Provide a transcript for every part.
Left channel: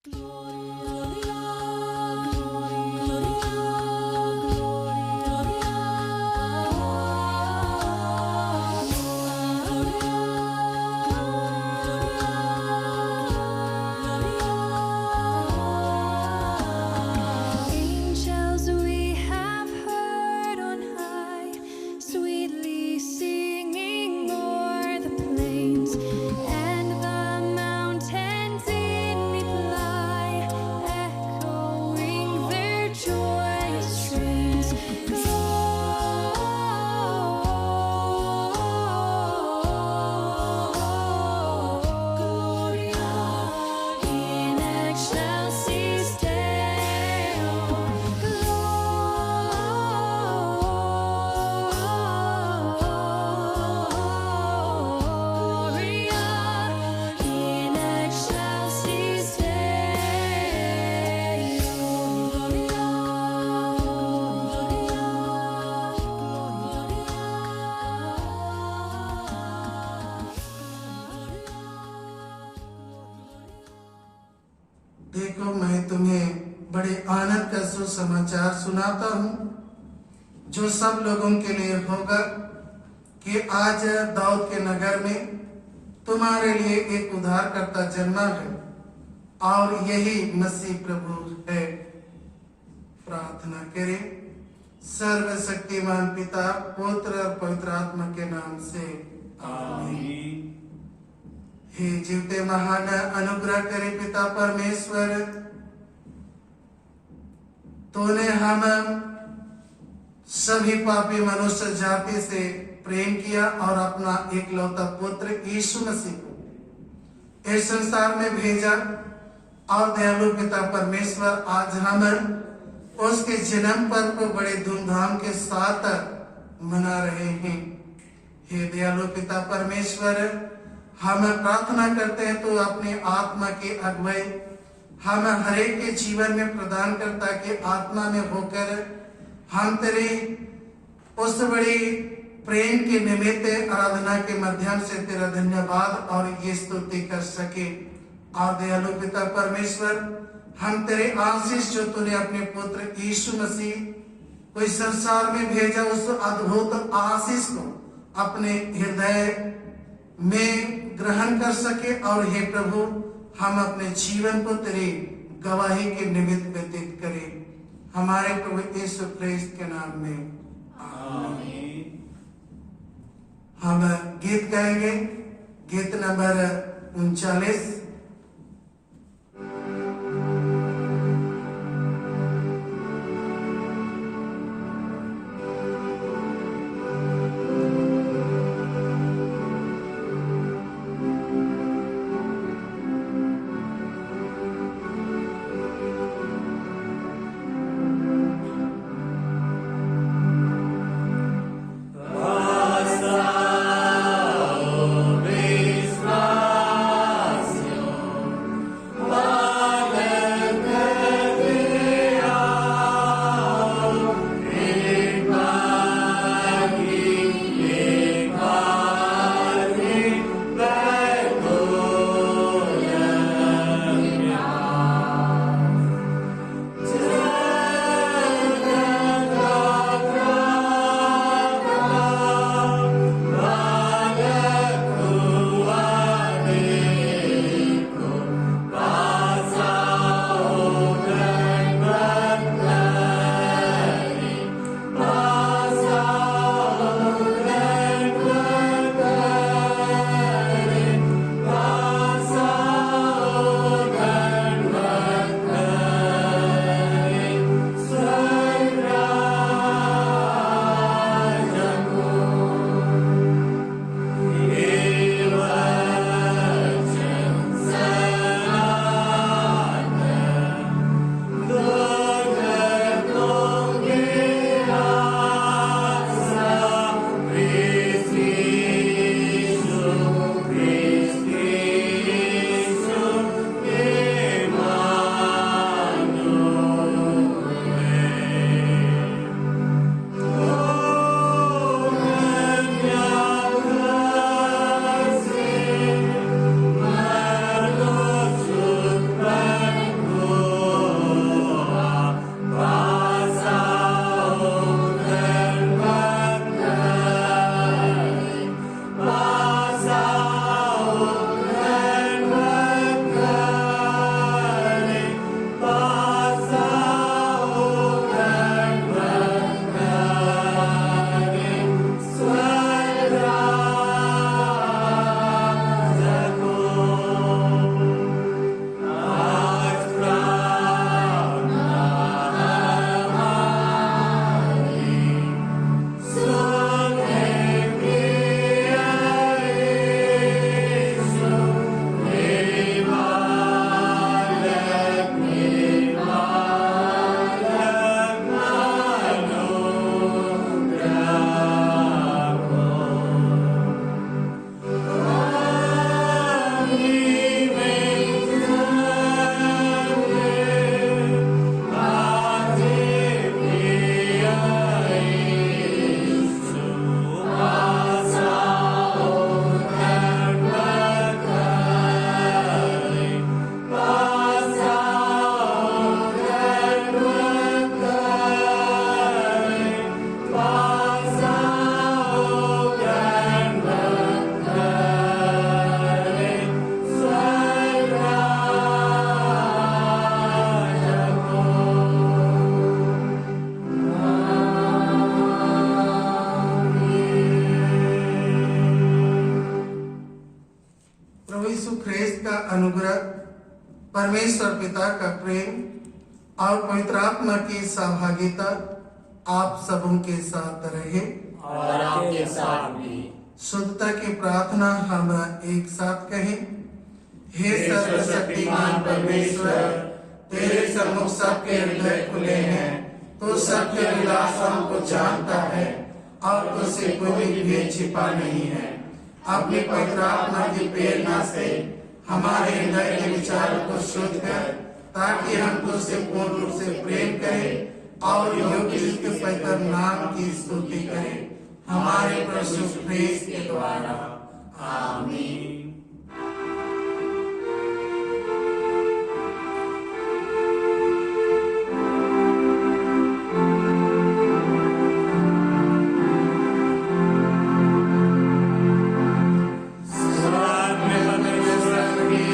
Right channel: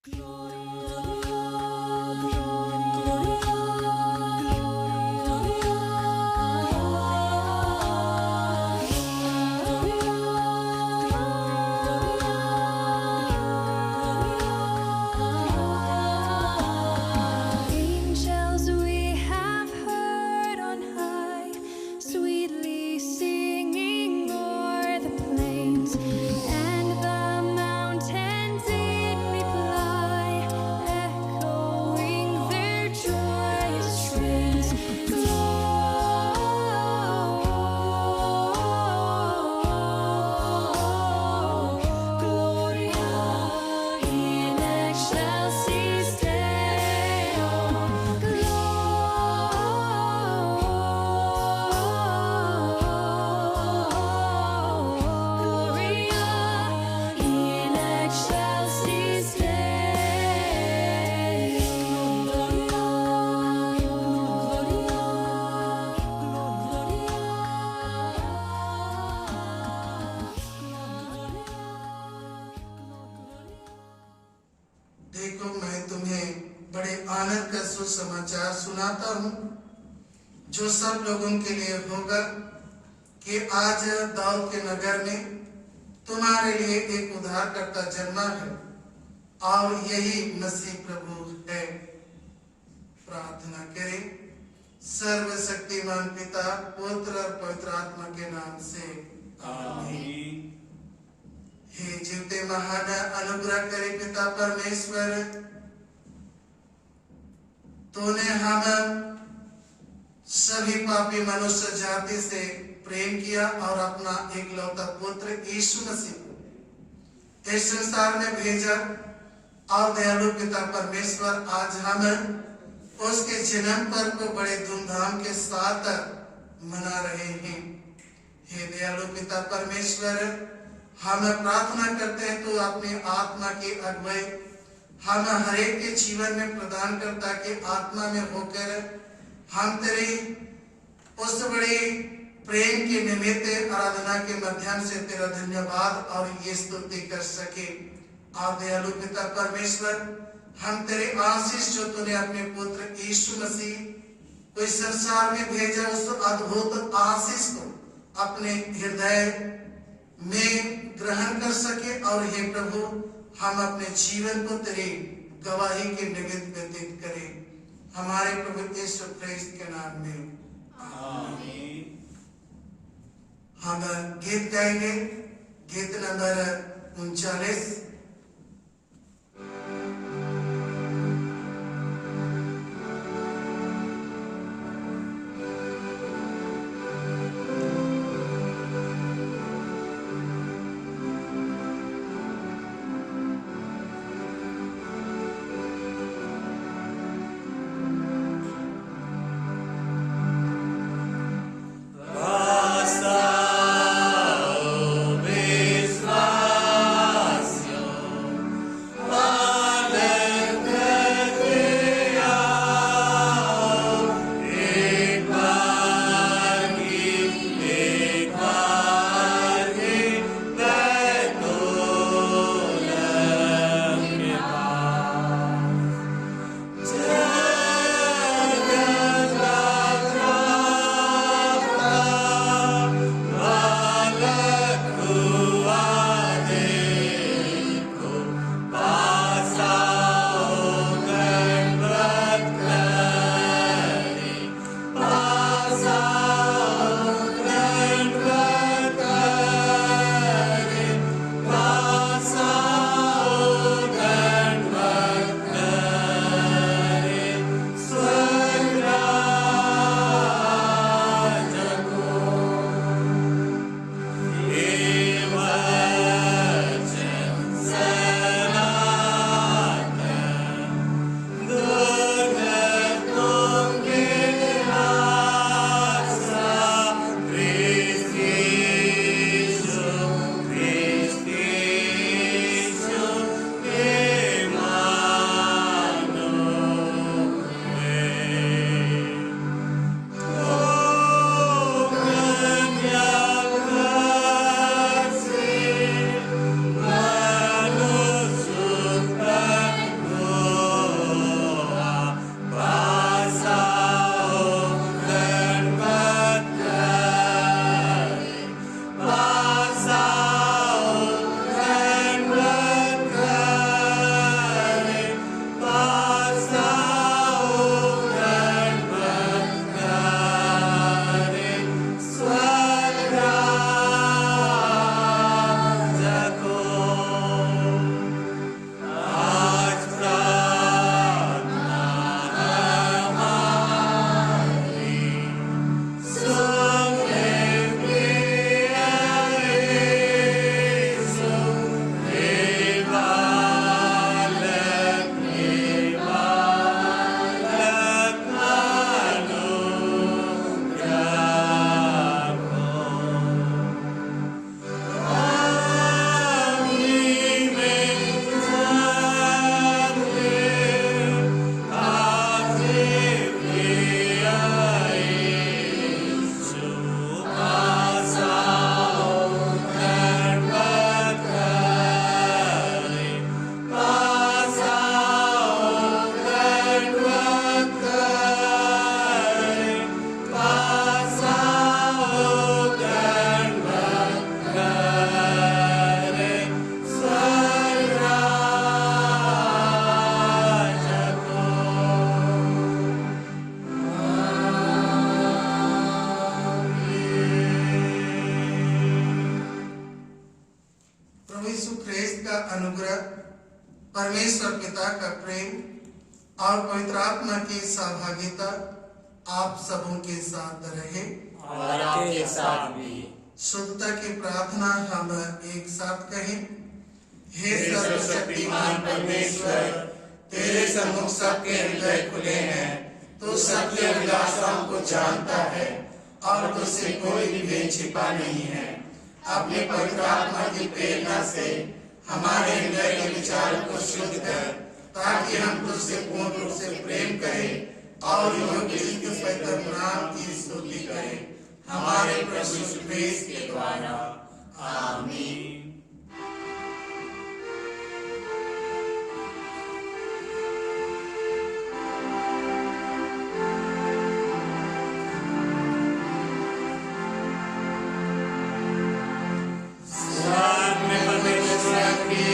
Angels we have heard on high, sweetly singing o'er the plains, and the mountains in reply, echoing their joyous strains. Gloria in excelsis Deo. Gloria in excelsis देखो, मैं तुम्हें बड़े आनंद का सुसमाचार सुनाता हूँ जो सब लोगों के लिए होगा कि आज दाऊद के नगर में तुम्हारे लिए एक उद्धारकर्ता जन्मा है और यही मसीह प्रभु है। प्रार्थना करें। सर्वशक्तिमान पिता, पुत्र और पवित्र आत्मा के नाम से आमीन। हे जीवते महान अनुग्रह करे पिता परमेश्वर, तूने हम सभी पापी मनुष्य जाति से प्रेम किया और अपना एकलौता पुत्र यीशु मसीह को इस संसार में भेजा। और दयालु पिता परमेश्वर, आज हम उसके जन्म पर्व को बड़े धूमधाम के साथ मना रहे हैं। हे दयालु पिता परमेश्वर, हम प्रार्थना करते हैं तो अपनी आत्मा की अगुवाई हम हरेक के जीवन में प्रदान करता कि आत्मा में होकर हम तेरे उस बड़ी प्रेम के निमित्त आराधना के माध्यम से तेरा धन्यवाद और ये स्तुति कर सके। और दयालु पिता परमेश्वर, हम तेरे आशीष जो तूने अपने पुत्र यीशु मसीह को इस संसार में भेजा, उस अद्भुत आशीष को अपने हृदय में ग्रहण कर सके। और हे प्रभु, हम अपने जीवन को तेरे गवाही के निमित्त व्यतीत करें। हमारे प्रभु यीशु ख्रीस्त के नाम में आमीन। हम गीत गाएंगे, गीत नंबर 39। Vislacio अनुग्रह, परमेश्वर पिता का प्रेम और पवित्र आत्मा की सहभागिता आप सबों के साथ रहे और आपके साथ भी। शुद्धता की प्रार्थना हम एक साथ कहें। हे सर्वशक्तिमान परमेश्वर, तेरे सम्मुख सबके हृदय खुले हैं, तो सबके अभिलाषाओं को जानता है और तुझसे कोई भी भेद छिपा नहीं है। अपने पवित्र आत्मा की प्रेरणा से हमारे हृदय के विचारों को शुद्ध कर, ताकि हम तुझसे पूर्ण रूप से प्रेम करें और योग्य रीति से पवित्र नाम की स्तुति करें, हमारे प्रभु यीशु मसीह के द्वारा। आमीन। स्वर्ग में परमेश्वर की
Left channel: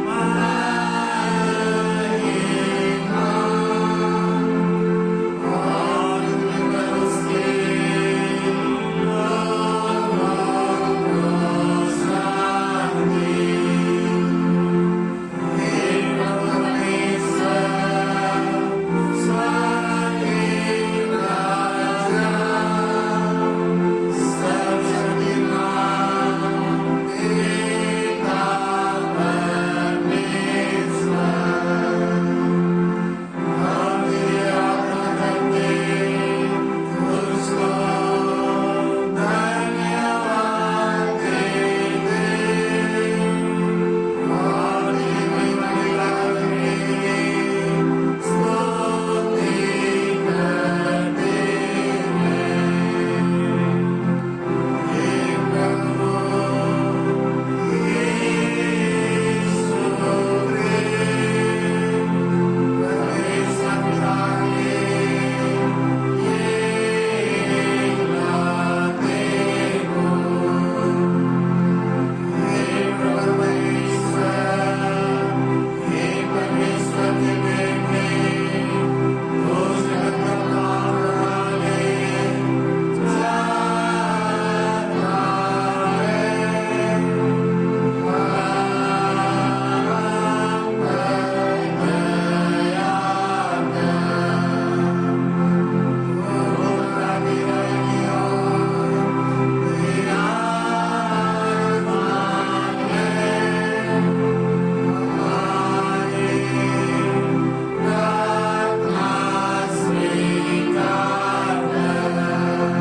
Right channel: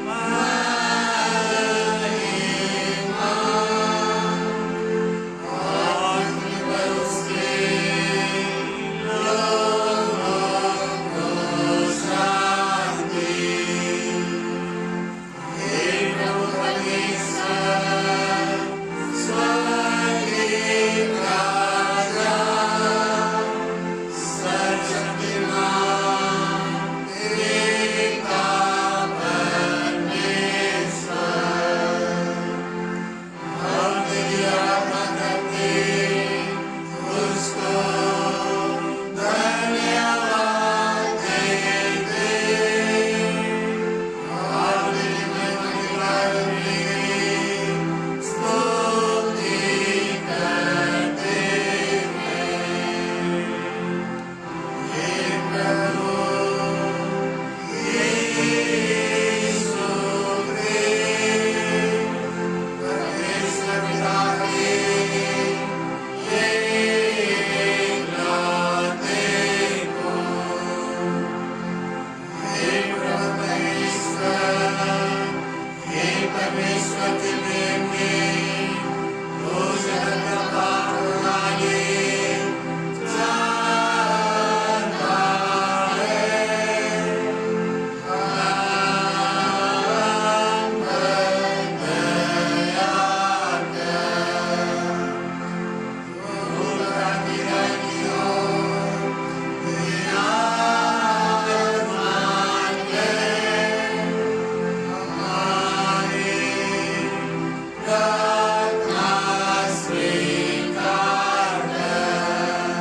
महिमा और पृथ्वी पर उसके लोगों को शांति। हे प्रभु परमेश्वर, स्वर्गीय राजा, सर्वशक्तिमान पिता परमेश्वर, हम तेरी आराधना करते तुझको धन्यवाद देते और तेरी महिमा निकालने स्तुति करते हैं। हे प्रभु यीशु ख्रिस्त, परमेश्वर पिता के ये इकलौते पुत्र, हे प्रभु परमेश्वर, हे परमेश्वर के बेटे, तू जगत का पाप उठाने चाहता है। हम पर दया कर, तू ताकि विराजमान है, हमारी प्रार्थना स्वीकार कर,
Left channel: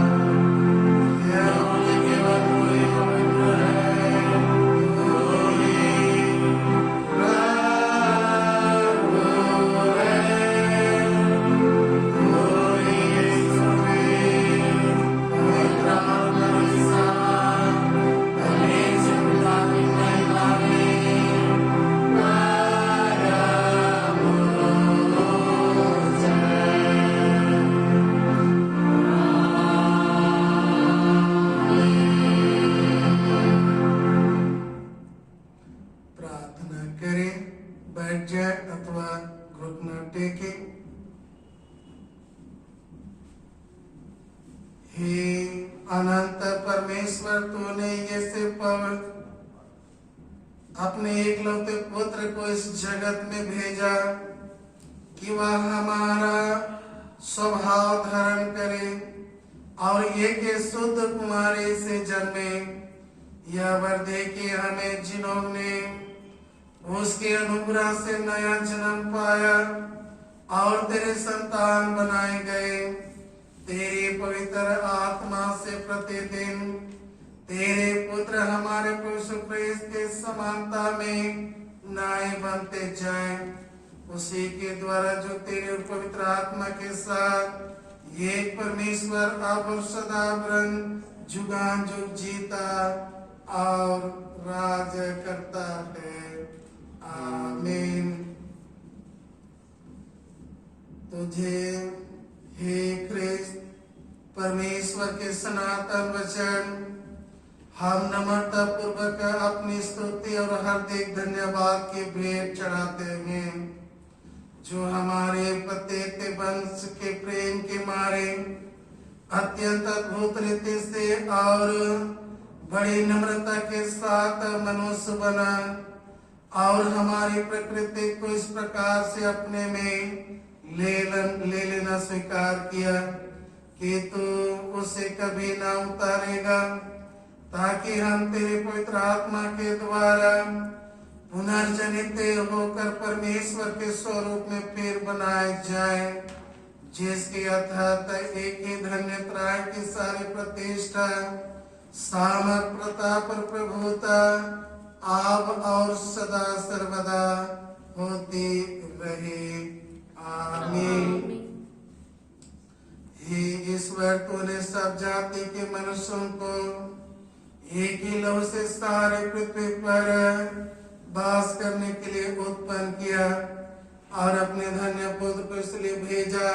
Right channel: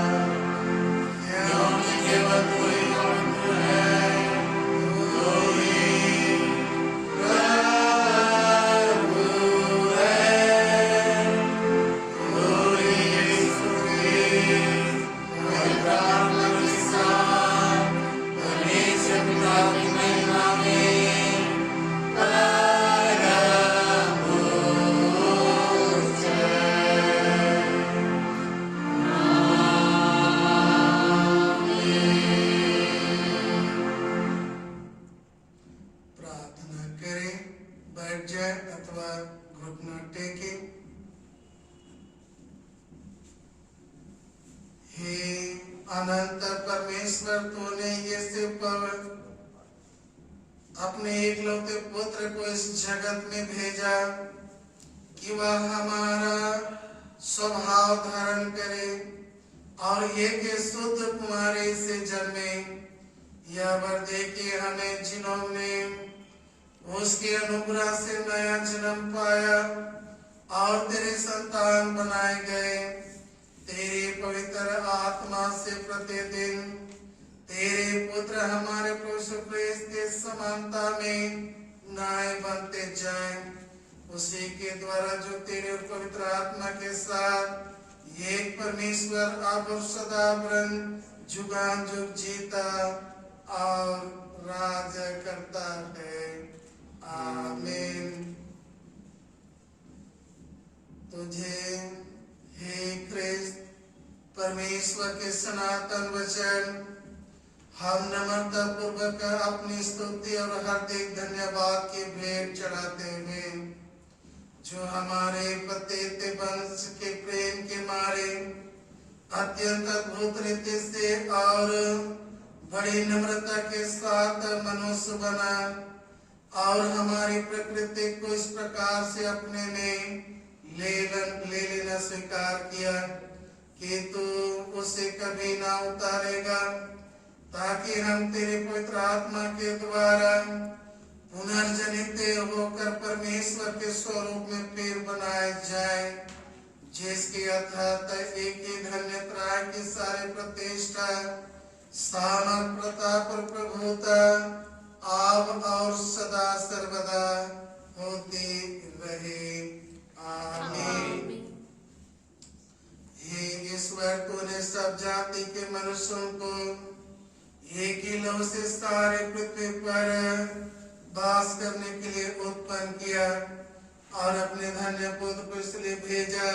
क्योंकि केवल तू ही पवित्र है, तू ही प्रभु है, तू ही यीशु ख्रिस्त, पवित्र आत्मा के साथ परमेश्वर पिता की महिमा में परमोच्च है। प्रार्थना करें, बैठ जाए अथवा घुटना टेके। हे अनंत परमेश्वर, तूने ये से पवित्र अपने एकलौते पुत्र को इस जगत में भेजा कि वह हमारा स्वभाव धारण करे और एक शुद्ध कुमारी से जन्मे। यह वर दे कि हमें, जिन्होंने उसके अनुग्रह से नया जन्म पाया और तेरे संतान बनाए गए, तेरी पवित्र आत्मा से प्रतिदिन तेरे पुत्र हमारे प्रभु यीशु ख्रिस्त के समानता में नए बनते जाए। उसी के द्वारा जो तेरे पवित्र आत्मा के साथ ये परमेश्वर अब और सदा जुगान जुग जीता और राज करता है। आमीन। तुझे हे ख्रिस्त परमेश्वर के सनातन वचन हम नम्रता पूर्वक अपनी स्तुति और हार्दिक धन्यवाद की भेंट चढ़ाते हैं, जो हमारे पतित वंश के प्रेम के मारे अत्यंत अद्भुत रीति से और बड़ी नम्रता के साथ मनुष्य बना और हमारी प्रकृति को इस प्रकार से अपने में ले लेना स्वीकार किया कि तू उसे कभी ना उतारेगा, ताकि हम तेरे पवित्र आत्मा के द्वारा पुनर्जनित होकर परमेश्वर के स्वरूप में फिर बनाए जाए, जिसके अर्थात एक ही धन्य त्राय की सारी प्रतिष्ठा, सामर्थ, प्रताप और प्रभुता आब और सदा सर्वदा होती रहे। आमीन। हे ईश्वर, तूने सब जाति के मनुष्यों को एक ही लहू से सारे पृथ्वी पर वास करने के लिए उत्पन्न किया और अपने धन्य पुत्र को इसलिए भेजा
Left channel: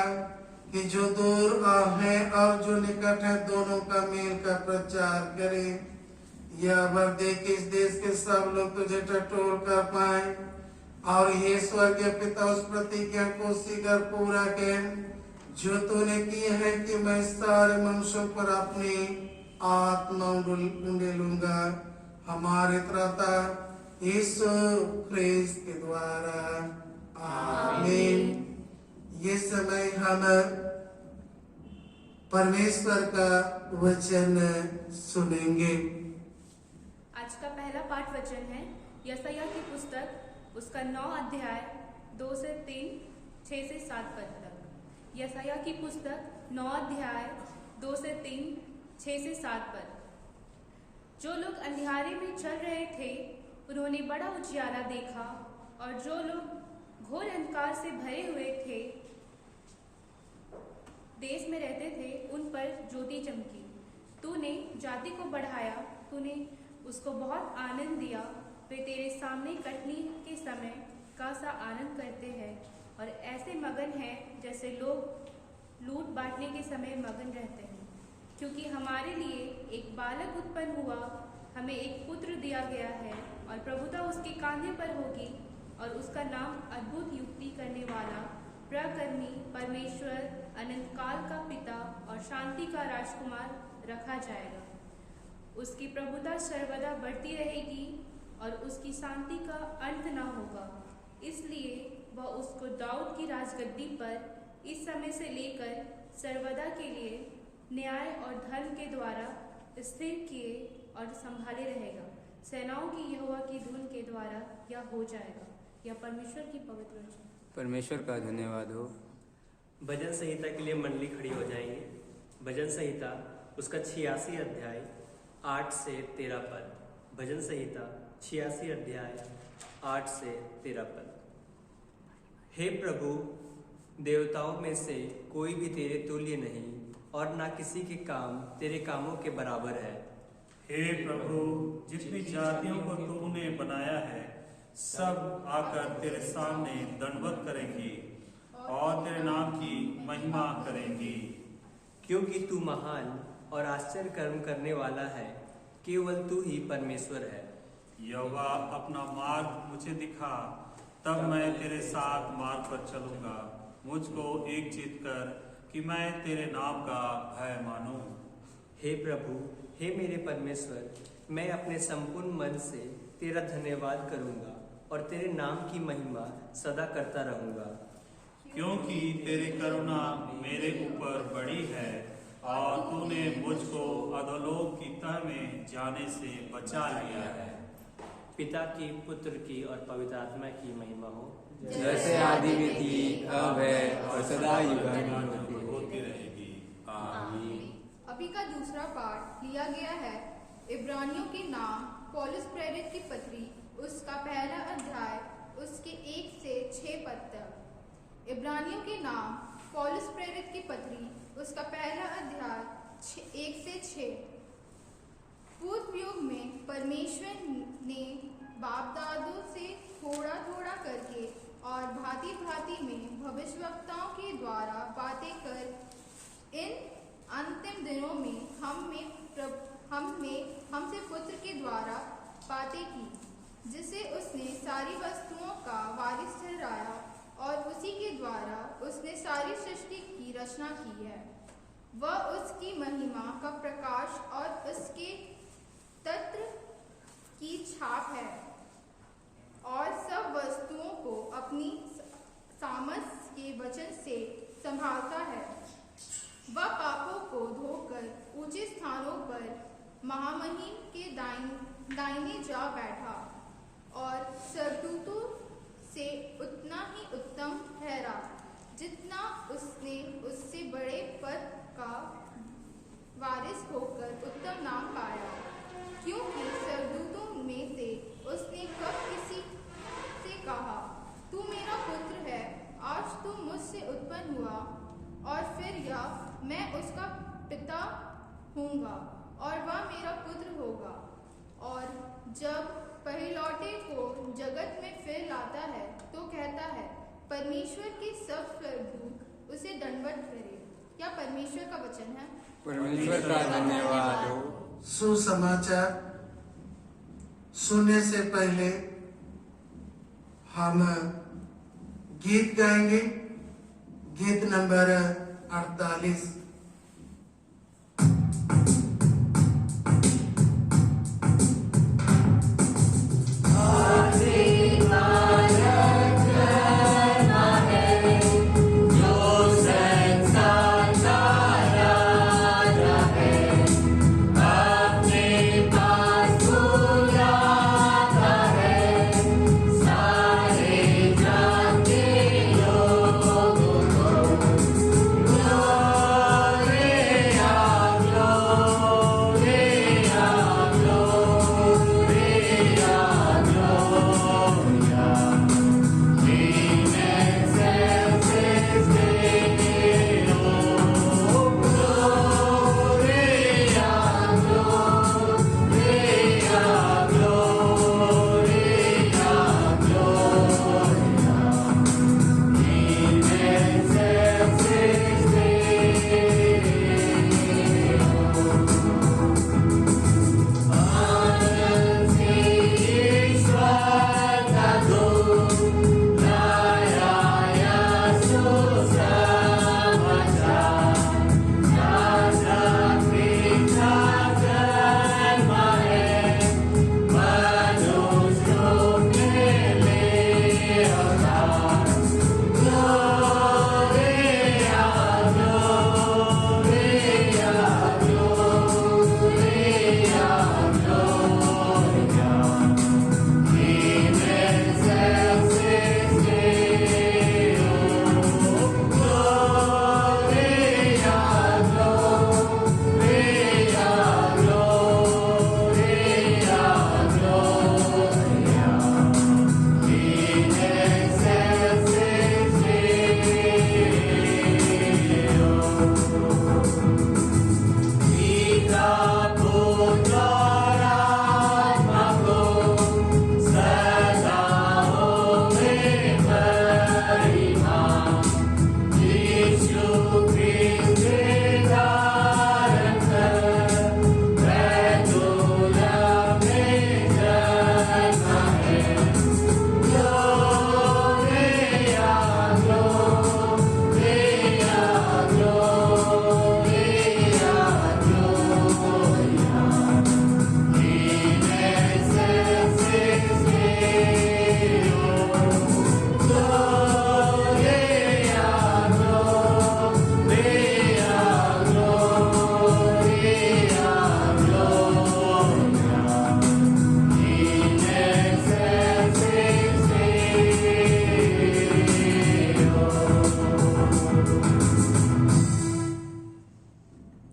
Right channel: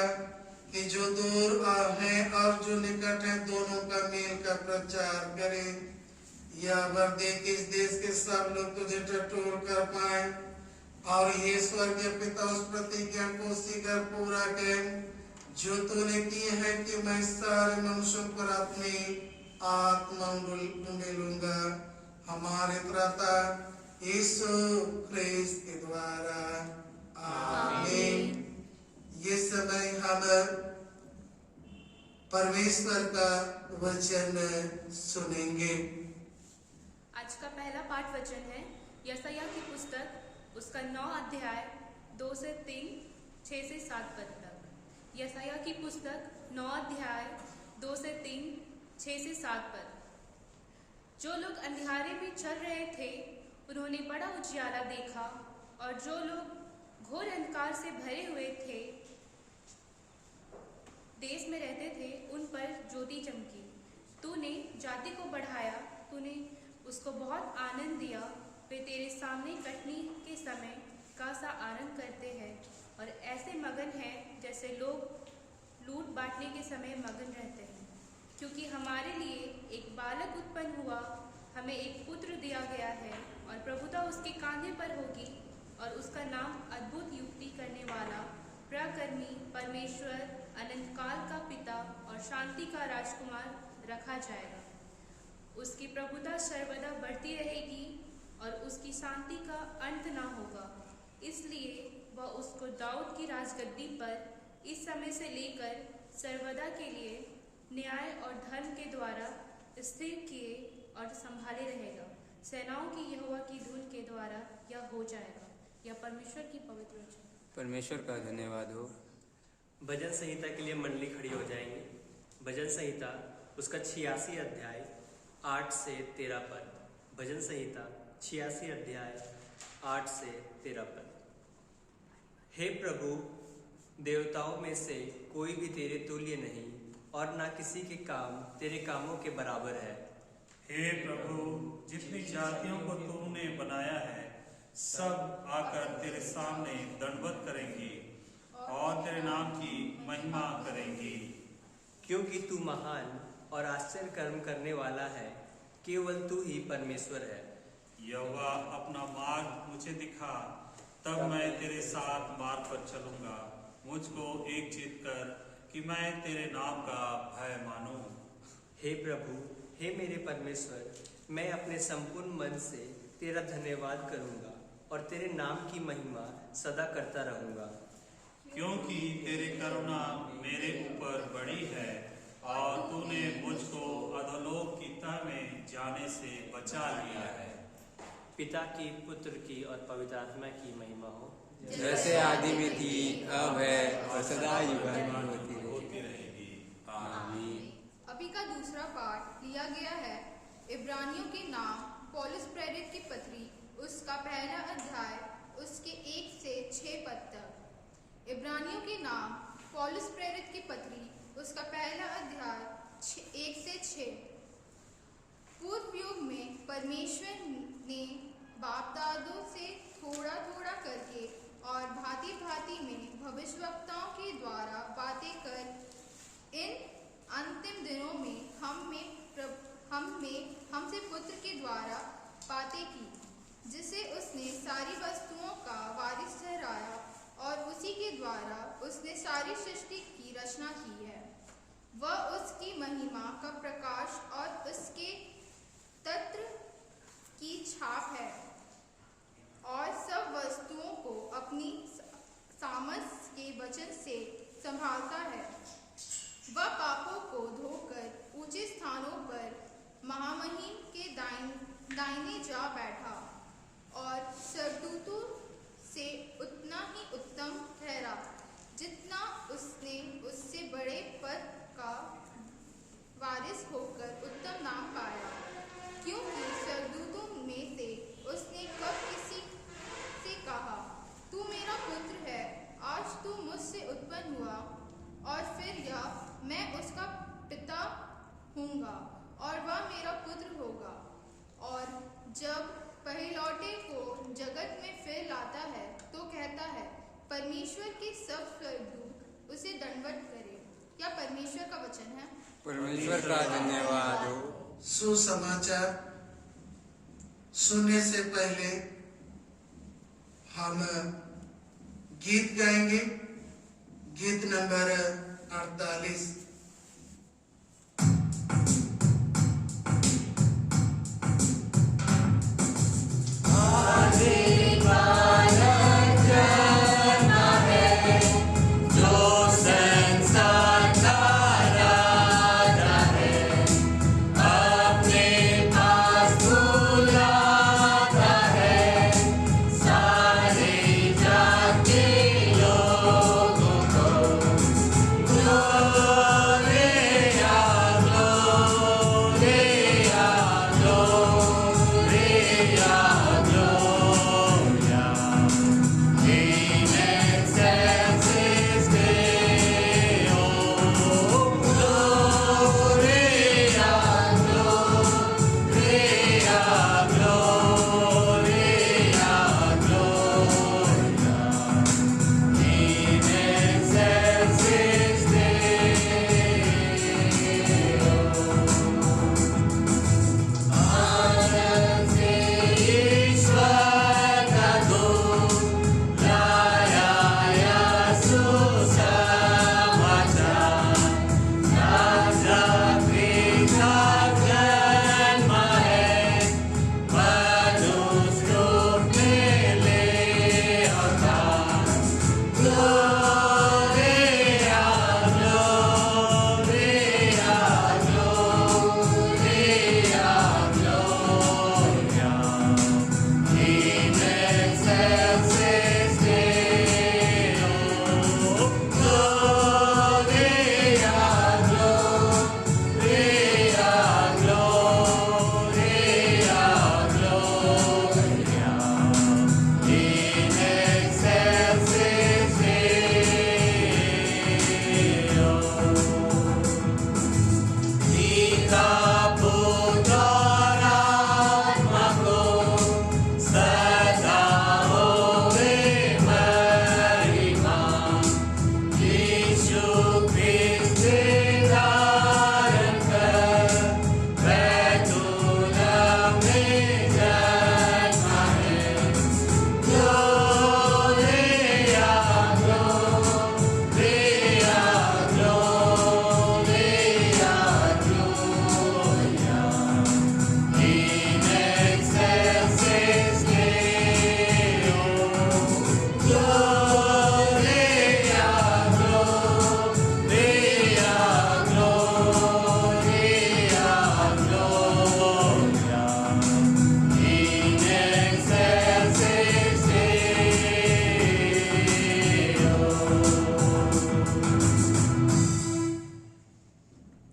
कि जो दूर है और जो निकट है दोनों का मेल का प्रचार करे। यह वर्दी कि इस देश के सब लोग तुझे टटोल कर पाए और ये स्वर्गीय पिता उस प्रतिज्ञा को शीघ्र पूरा कर जो तूने की है कि मैं सारे मनुष्यों पर अपनी आत्मा उंडेलूंगा, हमारे त्राता यीशु ख्रिस्त के द्वारा। आमीन। ये समय हम परमेश्वर का वचन सुनेंगे। आज का पहला पाठ वचन है यशायाह की पुस्तक, उसका 9 अध्याय 2 से 3, 6 से 7 पद तक। यशायाह की पुस्तक 9 अध्याय 2 से 3, 6 से 7 पद। जो लोग अंधियारे में चल रहे थे उन्होंने बड़ा उजियाला देखा, और जो लोग घोर अंधकार से भरे हुए थे देश में रहते थे उन पर ज्योति चमकी। तूने जाति को बढ़ाया, तूने उसको बहुत आनंद दिया। वे तेरे सामने कटनी के समय का सा आनंद करते हैं और ऐसे मगन हैं जैसे लोग लूट बांटने के समय मगन रहते हैं। क्योंकि हमारे लिए एक बालक उत्पन्न हुआ, हमें एक पुत्र दिया गया है और प्रभुता उसके कांधे पर होगी, और उसका नाम अद्भुत युक्ति करने वाला, प्रकर्मी, परमेश्वर, अनंत काल का पिता और शांति का राजकुमार रखा जाएगा। उसकी प्रभुता सर्वदा बढ़ती रहेगी और उसकी शांति का अंत न होगा। इसलिए वह उसको दाऊद की राजगद्दी पर इस समय से लेकर सर्वदा के लिए न्याय और धर्म के द्वारा स्थिर किए और संभाले रहेगा। सेनाओं की यहोवा की धुन के द्वारा यह हो जाएगा। यह परमेश्वर की पवित्र वचन। परमेश्वर का धन्यवाद हो। भजन संहिता के लिए मंडली खड़ी हो जाएंगे। भजन संहिता उसका 86 अध्याय 8 से 13 पद। भजन संहिता 86 अध्याय 8 से 13 पद। हे प्रभु, देवताओं में से कोई भी तेरे तुल्य नहीं, और ना किसी के काम तेरे कामों के बराबर है। हे प्रभु, जितनी जातियों को तूने बनाया है सब आकर तेरे सामने दंडवत करेंगी और तेरे नाम की महिमा करेंगी। क्योंकि तू महान और आश्चर्य कर्म करने वाला है, केवल तू ही परमेश्वर है। यहोवा, अपना मार्ग मुझे दिखा, तब मैं तेरे साथ मार्ग पर चलूंगा। मुझको एक चित कर कि मैं तेरे नाम का भय मानूं। हे प्रभु, हे मेरे परमेश्वर, मैं अपने संपूर्ण मन से तेरा धन्यवाद करूंगा और तेरे नाम की महिमा सदा करता रहूंगा। क्योंकि तेरी करुणा मेरे ऊपर बड़ी है और तूने मुझको अधोलोक की तह में जाने से बचा लिया है। पिता की, पुत्र की और पवित्र आत्मा की महिमा हो, जैसे आदि में थी, अब है और सदा युगानुयुग होती रहेगी। आमीन। अभी का दूसरा पाठ लिया गया है इब्रानियों के नाम पौलुस प्रेरित की पत्री, उसका पहला अध्याय उसके 1 से 6 पद तक। इब्रानियों के नाम पौलुस प्रेरित की पत्री, उसका पहला अध्याय 1 से 6। पूर्व युग में परमेश्वर ने बाप दादों से थोड़ा थोड़ा करके और भांति भांति में भविष्यवक्ताओं के द्वारा बातें कर इन अंतिम दिनों में हमसे पुत्र के द्वारा बातें की, जिसे उसने सारी वस्तुओं का वारिस ठहराया और उसी के द्वारा उसने सारी सृष्टि की रचना की है। वह उसकी महिमा का प्रकाश और उसके तत्र की छाप है और सब वस्तुओं को अपनी सामर्थ के वचन से संभालता है। वह पापों को धोकर ऊंचे स्थानों पर महामहिम के दाहिने जा बैठा और स्वर्गदूतों से उतना ही उत्तम ठहरा जितना उसने उससे बड़े पद का वारिस होकर उत्तम नाम पाया, क्योंकि स्वर्गदूतों में से उसने कब किसी से कहा, तू मेरा पुत्र है, आज तू मुझसे उत्पन्न हुआ, और फिर यह मैं उसका पिता हूँगा और वह मेरा पुत्र होगा। और जब पहिलौठे को जगत में फिर लाता है तो कहता है, परमेश्वर के सब स्वर्गदूत उसे दंडवत करें। क्या परमेश्वर का वचन है? परमेश्वर का धन्यवाद हो। सुसमाचार सुनने से पहले हम गीत गाएंगे। गीत नंबर 48।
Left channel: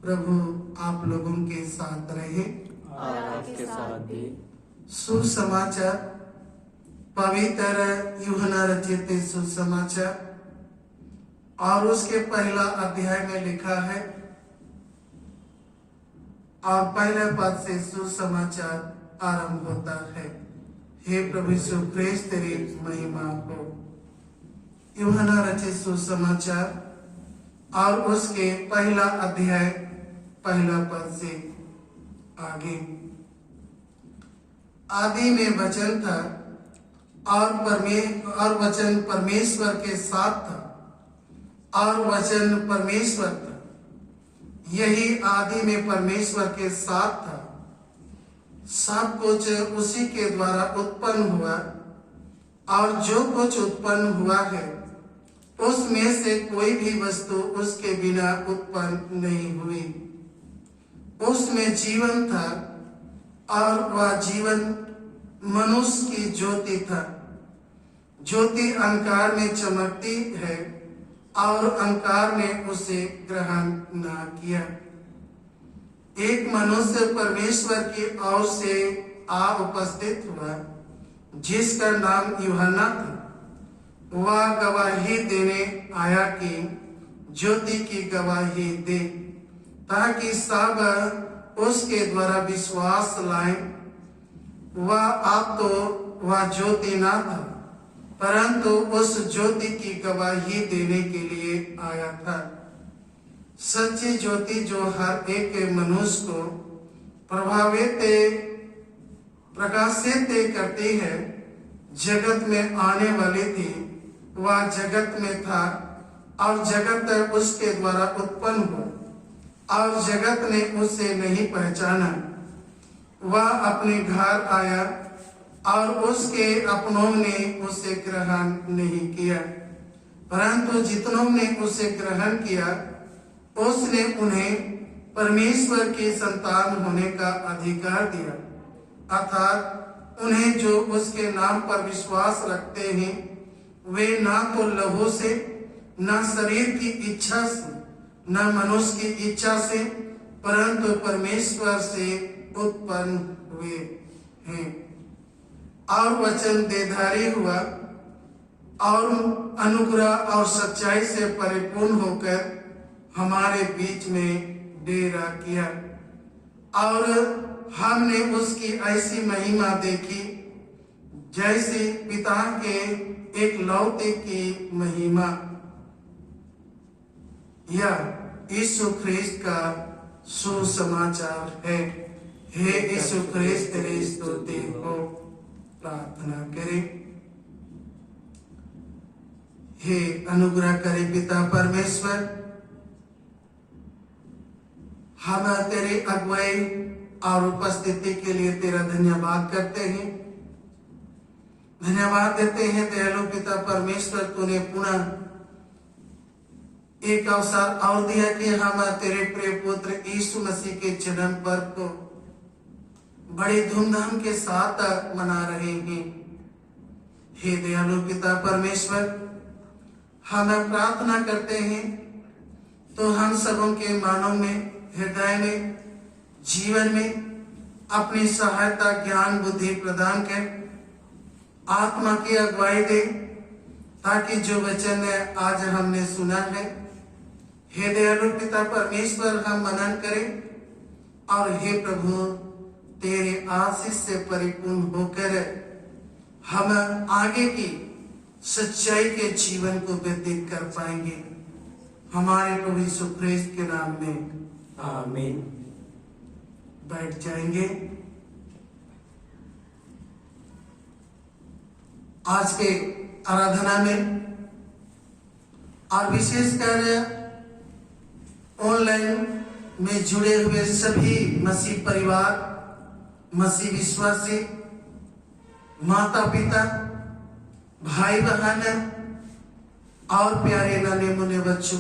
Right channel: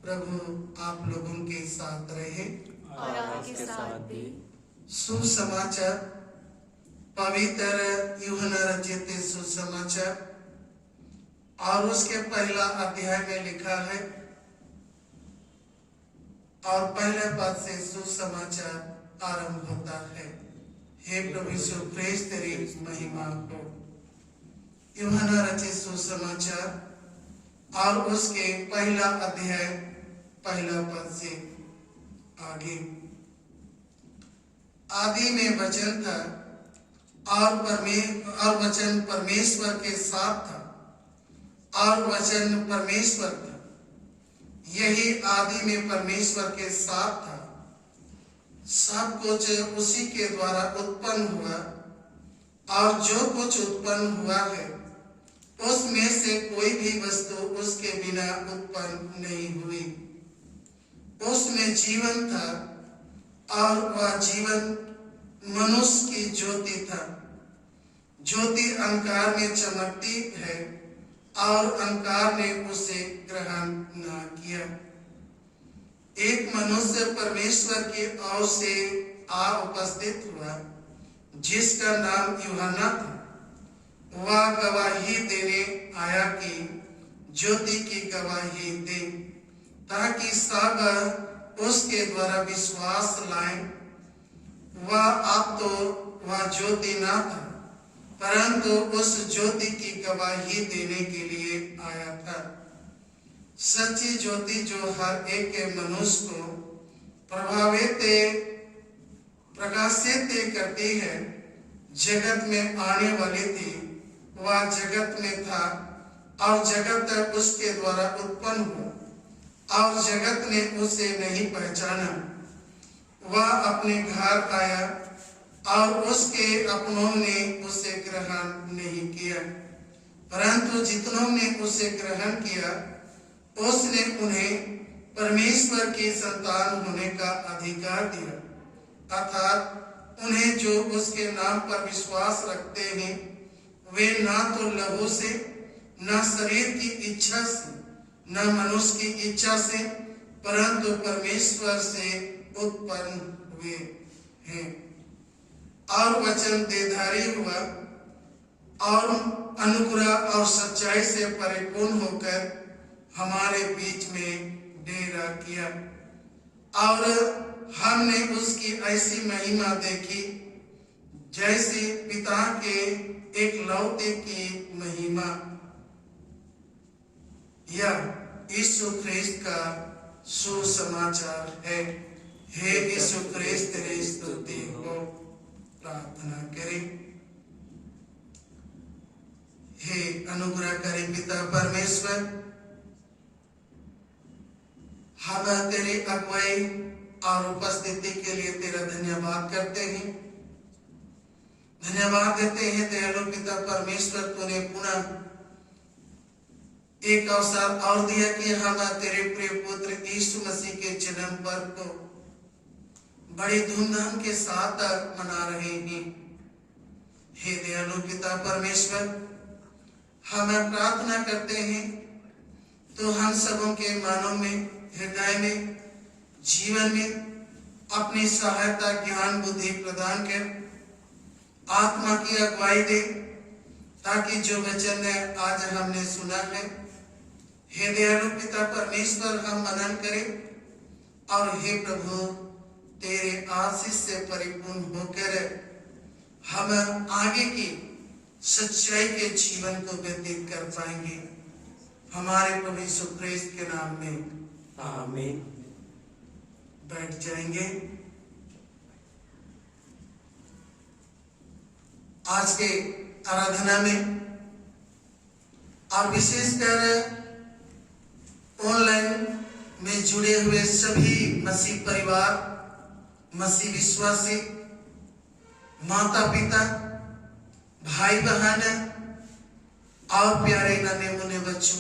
प्रभु आप लोगों के साथ रहे और आपके साथ भी। सुसमाचार पवित्र यूहन्ना रचित सुसमाचार और उसके पहला अध्याय में लिखा है और पहले पद से सुसमाचार आरंभ होता है। हे प्रभु यीशु प्रेस तेरी महिमा हो। यूहन्ना रचित सुसमाचार और उसके पहला अध्याय पहला पद से आगे। आदि में वचन था और वचन परमेश्वर के साथ था और वचन परमेश्वर था। यही आदि में परमेश्वर के साथ था। सब कुछ उसी के द्वारा उत्पन्न हुआ और जो कुछ उत्पन्न हुआ है उसमें से कोई भी वस्तु उसके बिना उत्पन्न नहीं हुई। उसमें जीवन था और वह जीवन मनुष्य की ज्योति था। ज्योति अंधकार में चमकती है और अंधकार ने उसे ग्रहण न किया। एक मनुष्य परमेश्वर की ओर से आ उपस्थित हुआ जिसका नाम यूहन्ना था। वह गवाही देने आया कि ज्योति की गवाही दे ताकि सब उसके द्वारा विश्वास लाएं। वह ज्योति न था परंतु उस ज्योति की गवाही देने के लिए आया था। सच्ची ज्योति जो हर एक मनुष्य को प्रकाशित करती है जगत में आने वाली थी। वह जगत में था और जगत उसके द्वारा उत्पन्न हुआ और जगत ने उसे नहीं पहचाना। वह अपने घर आया और उसके अपनों ने उसे ग्रहण नहीं किया, परंतु जितनों ने उसे ग्रहण किया उसने उन्हें परमेश्वर की संतान होने का अधिकार दिया, अर्थात उन्हें जो उसके नाम पर विश्वास रखते हैं वे ना तो लहू से, न शरीर की इच्छा से, न मनुष्य की इच्छा से, परंतु परमेश्वर से उत्पन्न हुए हैं। और वचन देहधारी हुआ और अनुग्रह और सच्चाई से परिपूर्ण होकर हमारे बीच में डेरा किया और हमने उसकी ऐसी महिमा देखी जैसी पिता के एक लौते की महिमा। यह यीशु ख्रिस्त का सुसमाचार है। हे यीशु ख्रिस्त तेरी स्तुति हो। प्रार्थना करें। हे अनुग्रह करे पिता परमेश्वर, हम तेरी अगुवाई और उपस्थिति के लिए तेरा धन्यवाद करते हैं। धन्यवाद देते हैं दयालु पिता परमेश्वर, तूने पुनः एक अवसर और दिया कि हम तेरे प्रिय पुत्र यीशु मसीह के जन्म पर्व को बड़ी धूमधाम के साथ मना रहे हैं। हे दयालु पिता परमेश्वर, हम प्रार्थना करते हैं तो हम सबों के मानव में, हृदय में, जीवन में अपनी सहायता, ज्ञान, बुद्धि प्रदान कर आत्मा की अगुवाई दे ताकि जो वचन आज हमने सुना है, हे दयालु पिता परमेश्वर, हम मनन करें और हे प्रभु तेरे आशीष से परिपूर्ण होकर हम आगे की सच्चाई के जीवन को व्यतीत कर पाएंगे। हमारे प्रभु यीशु ख्रिस्त के नाम में आमीन। बैठ जाएंगे। आज के आराधना में और विशेषकर ऑनलाइन में जुड़े हुए सभी मसीह परिवार, मसीह विश्वासी, माता पिता, भाई बहन और प्यारे नन्हे मुन्ने बच्चों,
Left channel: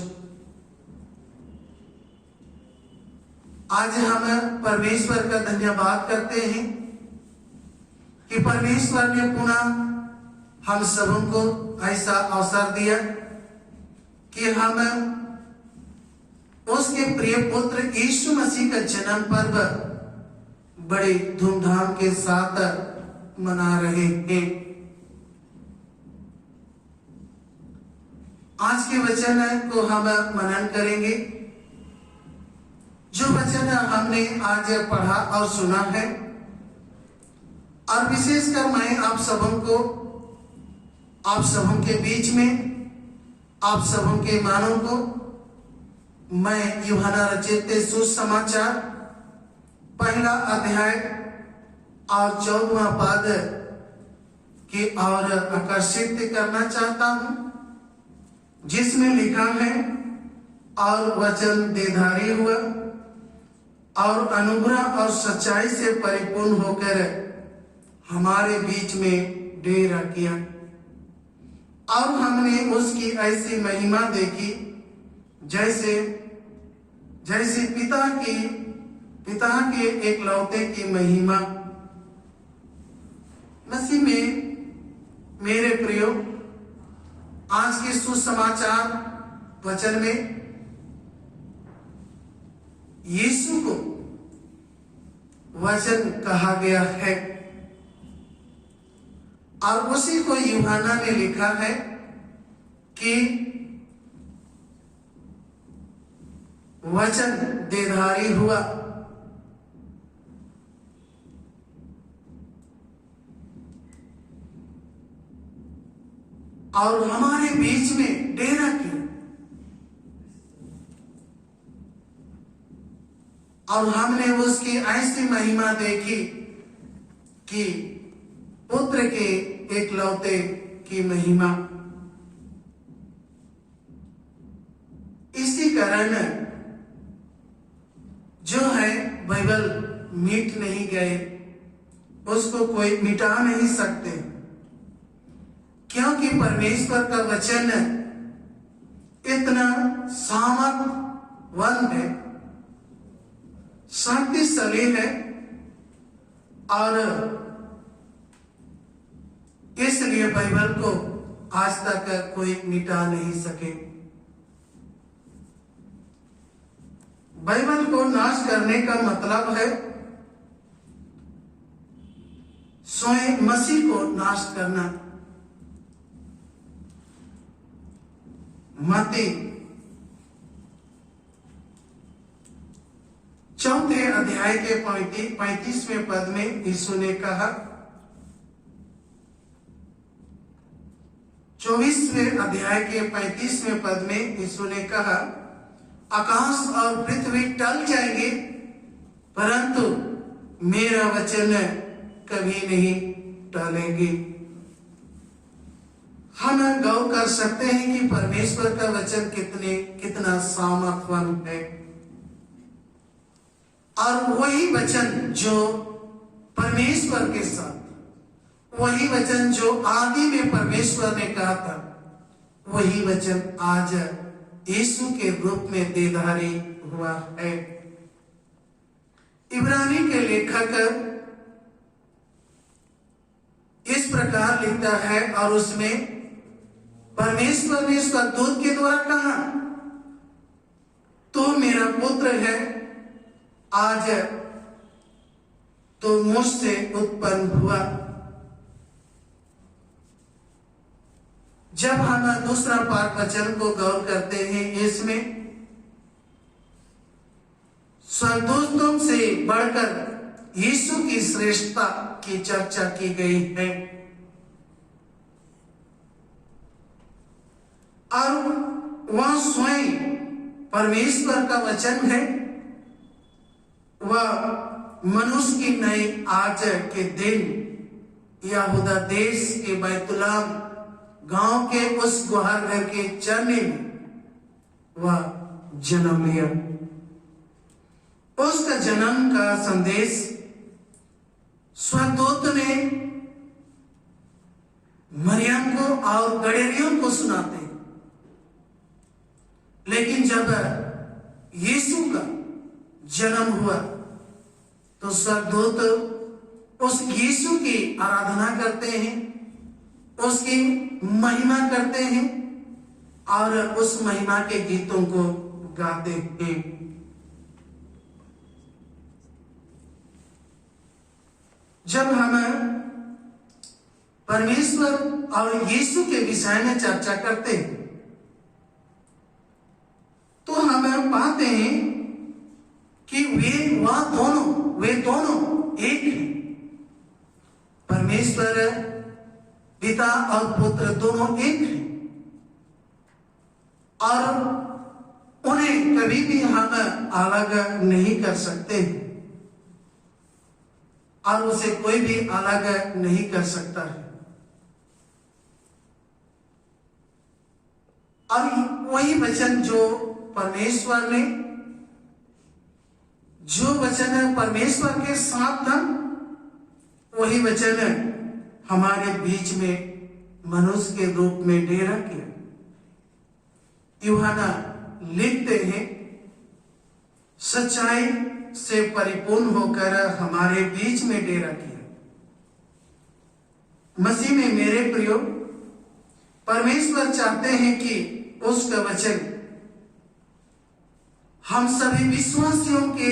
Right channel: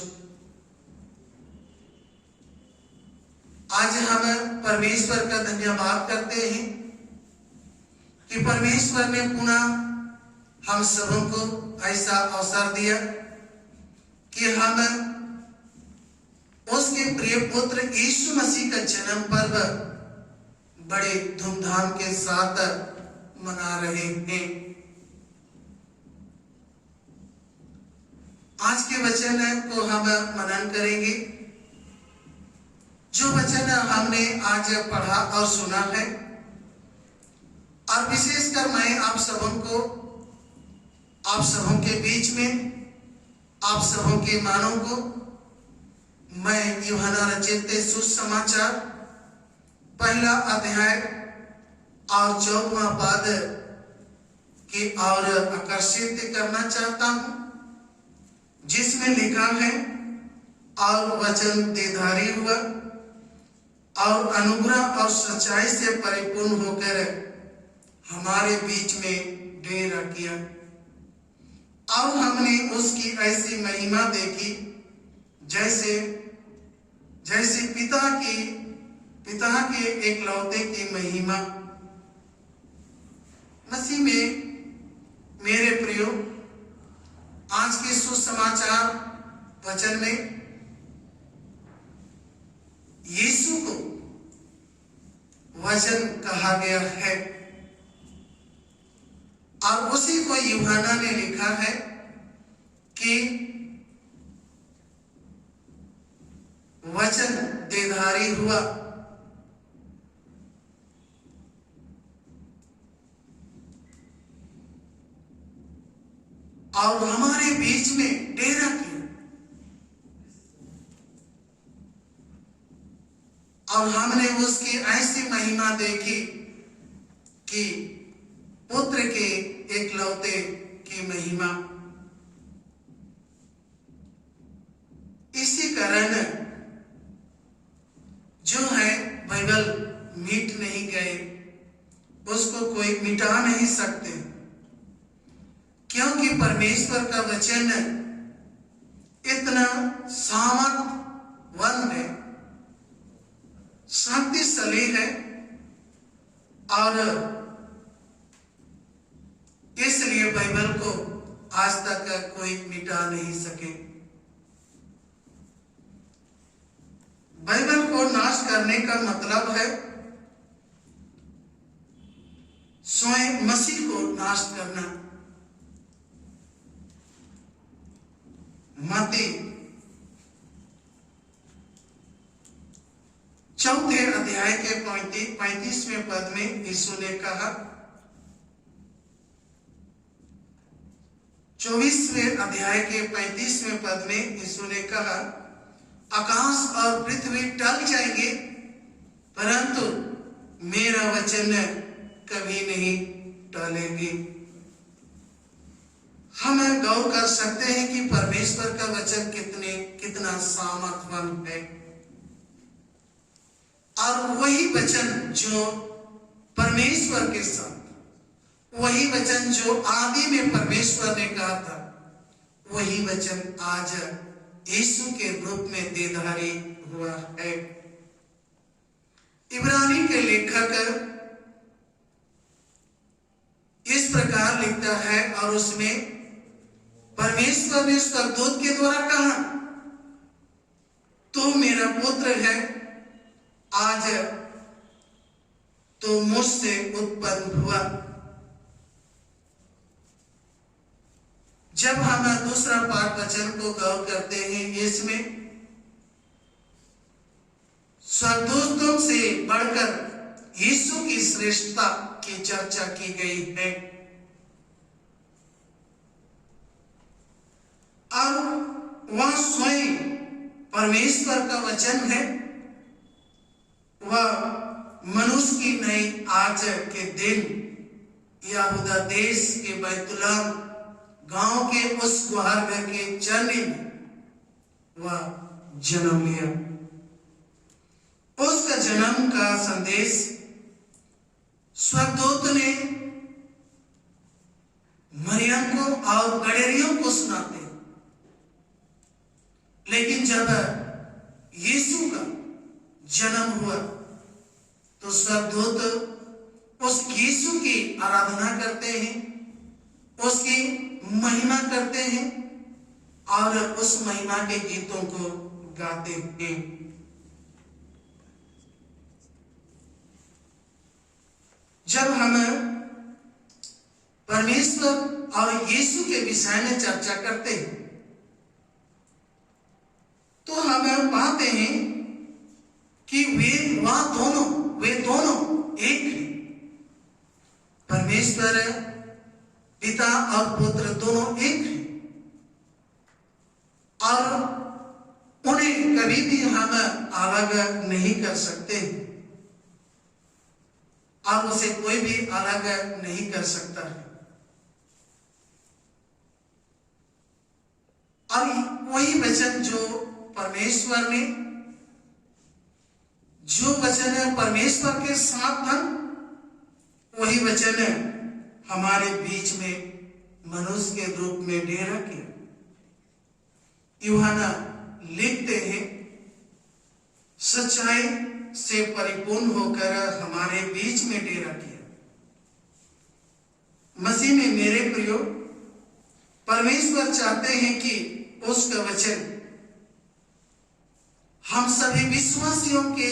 आज हम परमेश्वर का धन्यवाद करते हैं कि परमेश्वर ने पुनः हम सबों को ऐसा अवसर दिया कि हम उसके प्रिय पुत्र यीशु मसीह का जन्म पर्व बड़े धूमधाम के साथ मना रहे हैं। आज के वचन को हम मनन करेंगे। जो वचन हमने आज पढ़ा और सुना है, और विशेषकर मैं आप सबों के बीच में, आप सबों के मानव को मैं यूहन्ना रचित सुसमाचार पहला अध्याय और 14वां पद की ओर आकर्षित करना चाहता हूं, जिसमें लिखा है, और वचन देहधारी हुआ और अनुग्रह और सच्चाई से परिपूर्ण होकर हमारे बीच में डेरा किया और हमने उसकी ऐसी महिमा देखी जैसे पिता के एकलौते की महिमा। मसीह में मेरे प्रियो, आज के सुसमाचार वचन में यीशु को वचन कहा गया है और उसी को यूहन्ना ने लिखा है कि वचन देहधारी हुआ और हमारे बीच में डेरा किया और हमने उसकी ऐसी महिमा देखी कि पुत्र के एकलौते की महिमा। इसी कारण जो है बाइबल मिट नहीं गए, उसको कोई मिटा नहीं सकते, क्योंकि परमेश्वर का वचन इतना सामर्थवान है, शक्तिशाली है और इसलिए बाइबल को आज तक कोई मिटा नहीं सके। बाइबल को नाश करने का मतलब है स्वयं मसीह को नाश करना। मत्ती 4 अध्याय के 35वें पद में यीशु ने कहा, 24वें अध्याय के 35वें पद में यीशु ने कहा, आकाश और पृथ्वी टल जाएंगे परंतु मेरा वचन कभी नहीं टलेंगे। हम गौर कर सकते हैं कि परमेश्वर का वचन कितना सामर्थवान है और वही वचन जो परमेश्वर के साथ, वही वचन जो आदि में परमेश्वर ने कहा था, वही वचन आज यीशु के रूप में देहधारी हुआ है। इब्रानी के लेखक इस प्रकार लिखता है और उसमें परमेश्वर ने स्वर्गदूत के द्वारा कहा, तो मेरा पुत्र है, आज तो मुझसे उत्पन्न हुआ। जब हम दूसरा पाठ वचन को गौर करते हैं, इसमें स्वर्गदूतों से बढ़कर यीशु की श्रेष्ठता की चर्चा की गई है और वह स्वयं परमेश्वर का वचन है। वह मनुष्य की नई आज के दिन यहूदा देश के बैतुलहम गांव के उस गुहार घर के चरनी में वह जन्म लिया। उसका जन्म का संदेश स्वर्गदूत ने मरियम को और गडेरियों को सुनाते हैं, लेकिन जब यीशु का जन्म हुआ तो स्वर्गदूत उस यीशु की आराधना करते हैं, उसकी महिमा करते हैं और उस महिमा के गीतों को गाते हैं। जब हम परमेश्वर और यीशु के विषय में चर्चा करते हैं तो हम पाते हैं कि वे दोनों एक हैं। परमेश्वर पिता और पुत्र दोनों एक हैं और उन्हें कभी भी हम अलग नहीं कर सकते और उसे कोई भी अलग नहीं कर सकता है। और वही वचन जो परमेश्वर ने जो वचन परमेश्वर के साथ था, वही वचन हमारे बीच में मनुष्य के रूप में डेरा किया। यूहन्ना लिखते हैं, सच्चाई से परिपूर्ण होकर हमारे बीच में डेरा किया। मसीह में मेरे प्रियो, परमेश्वर चाहते हैं कि उसका वचन हम सभी विश्वासियों के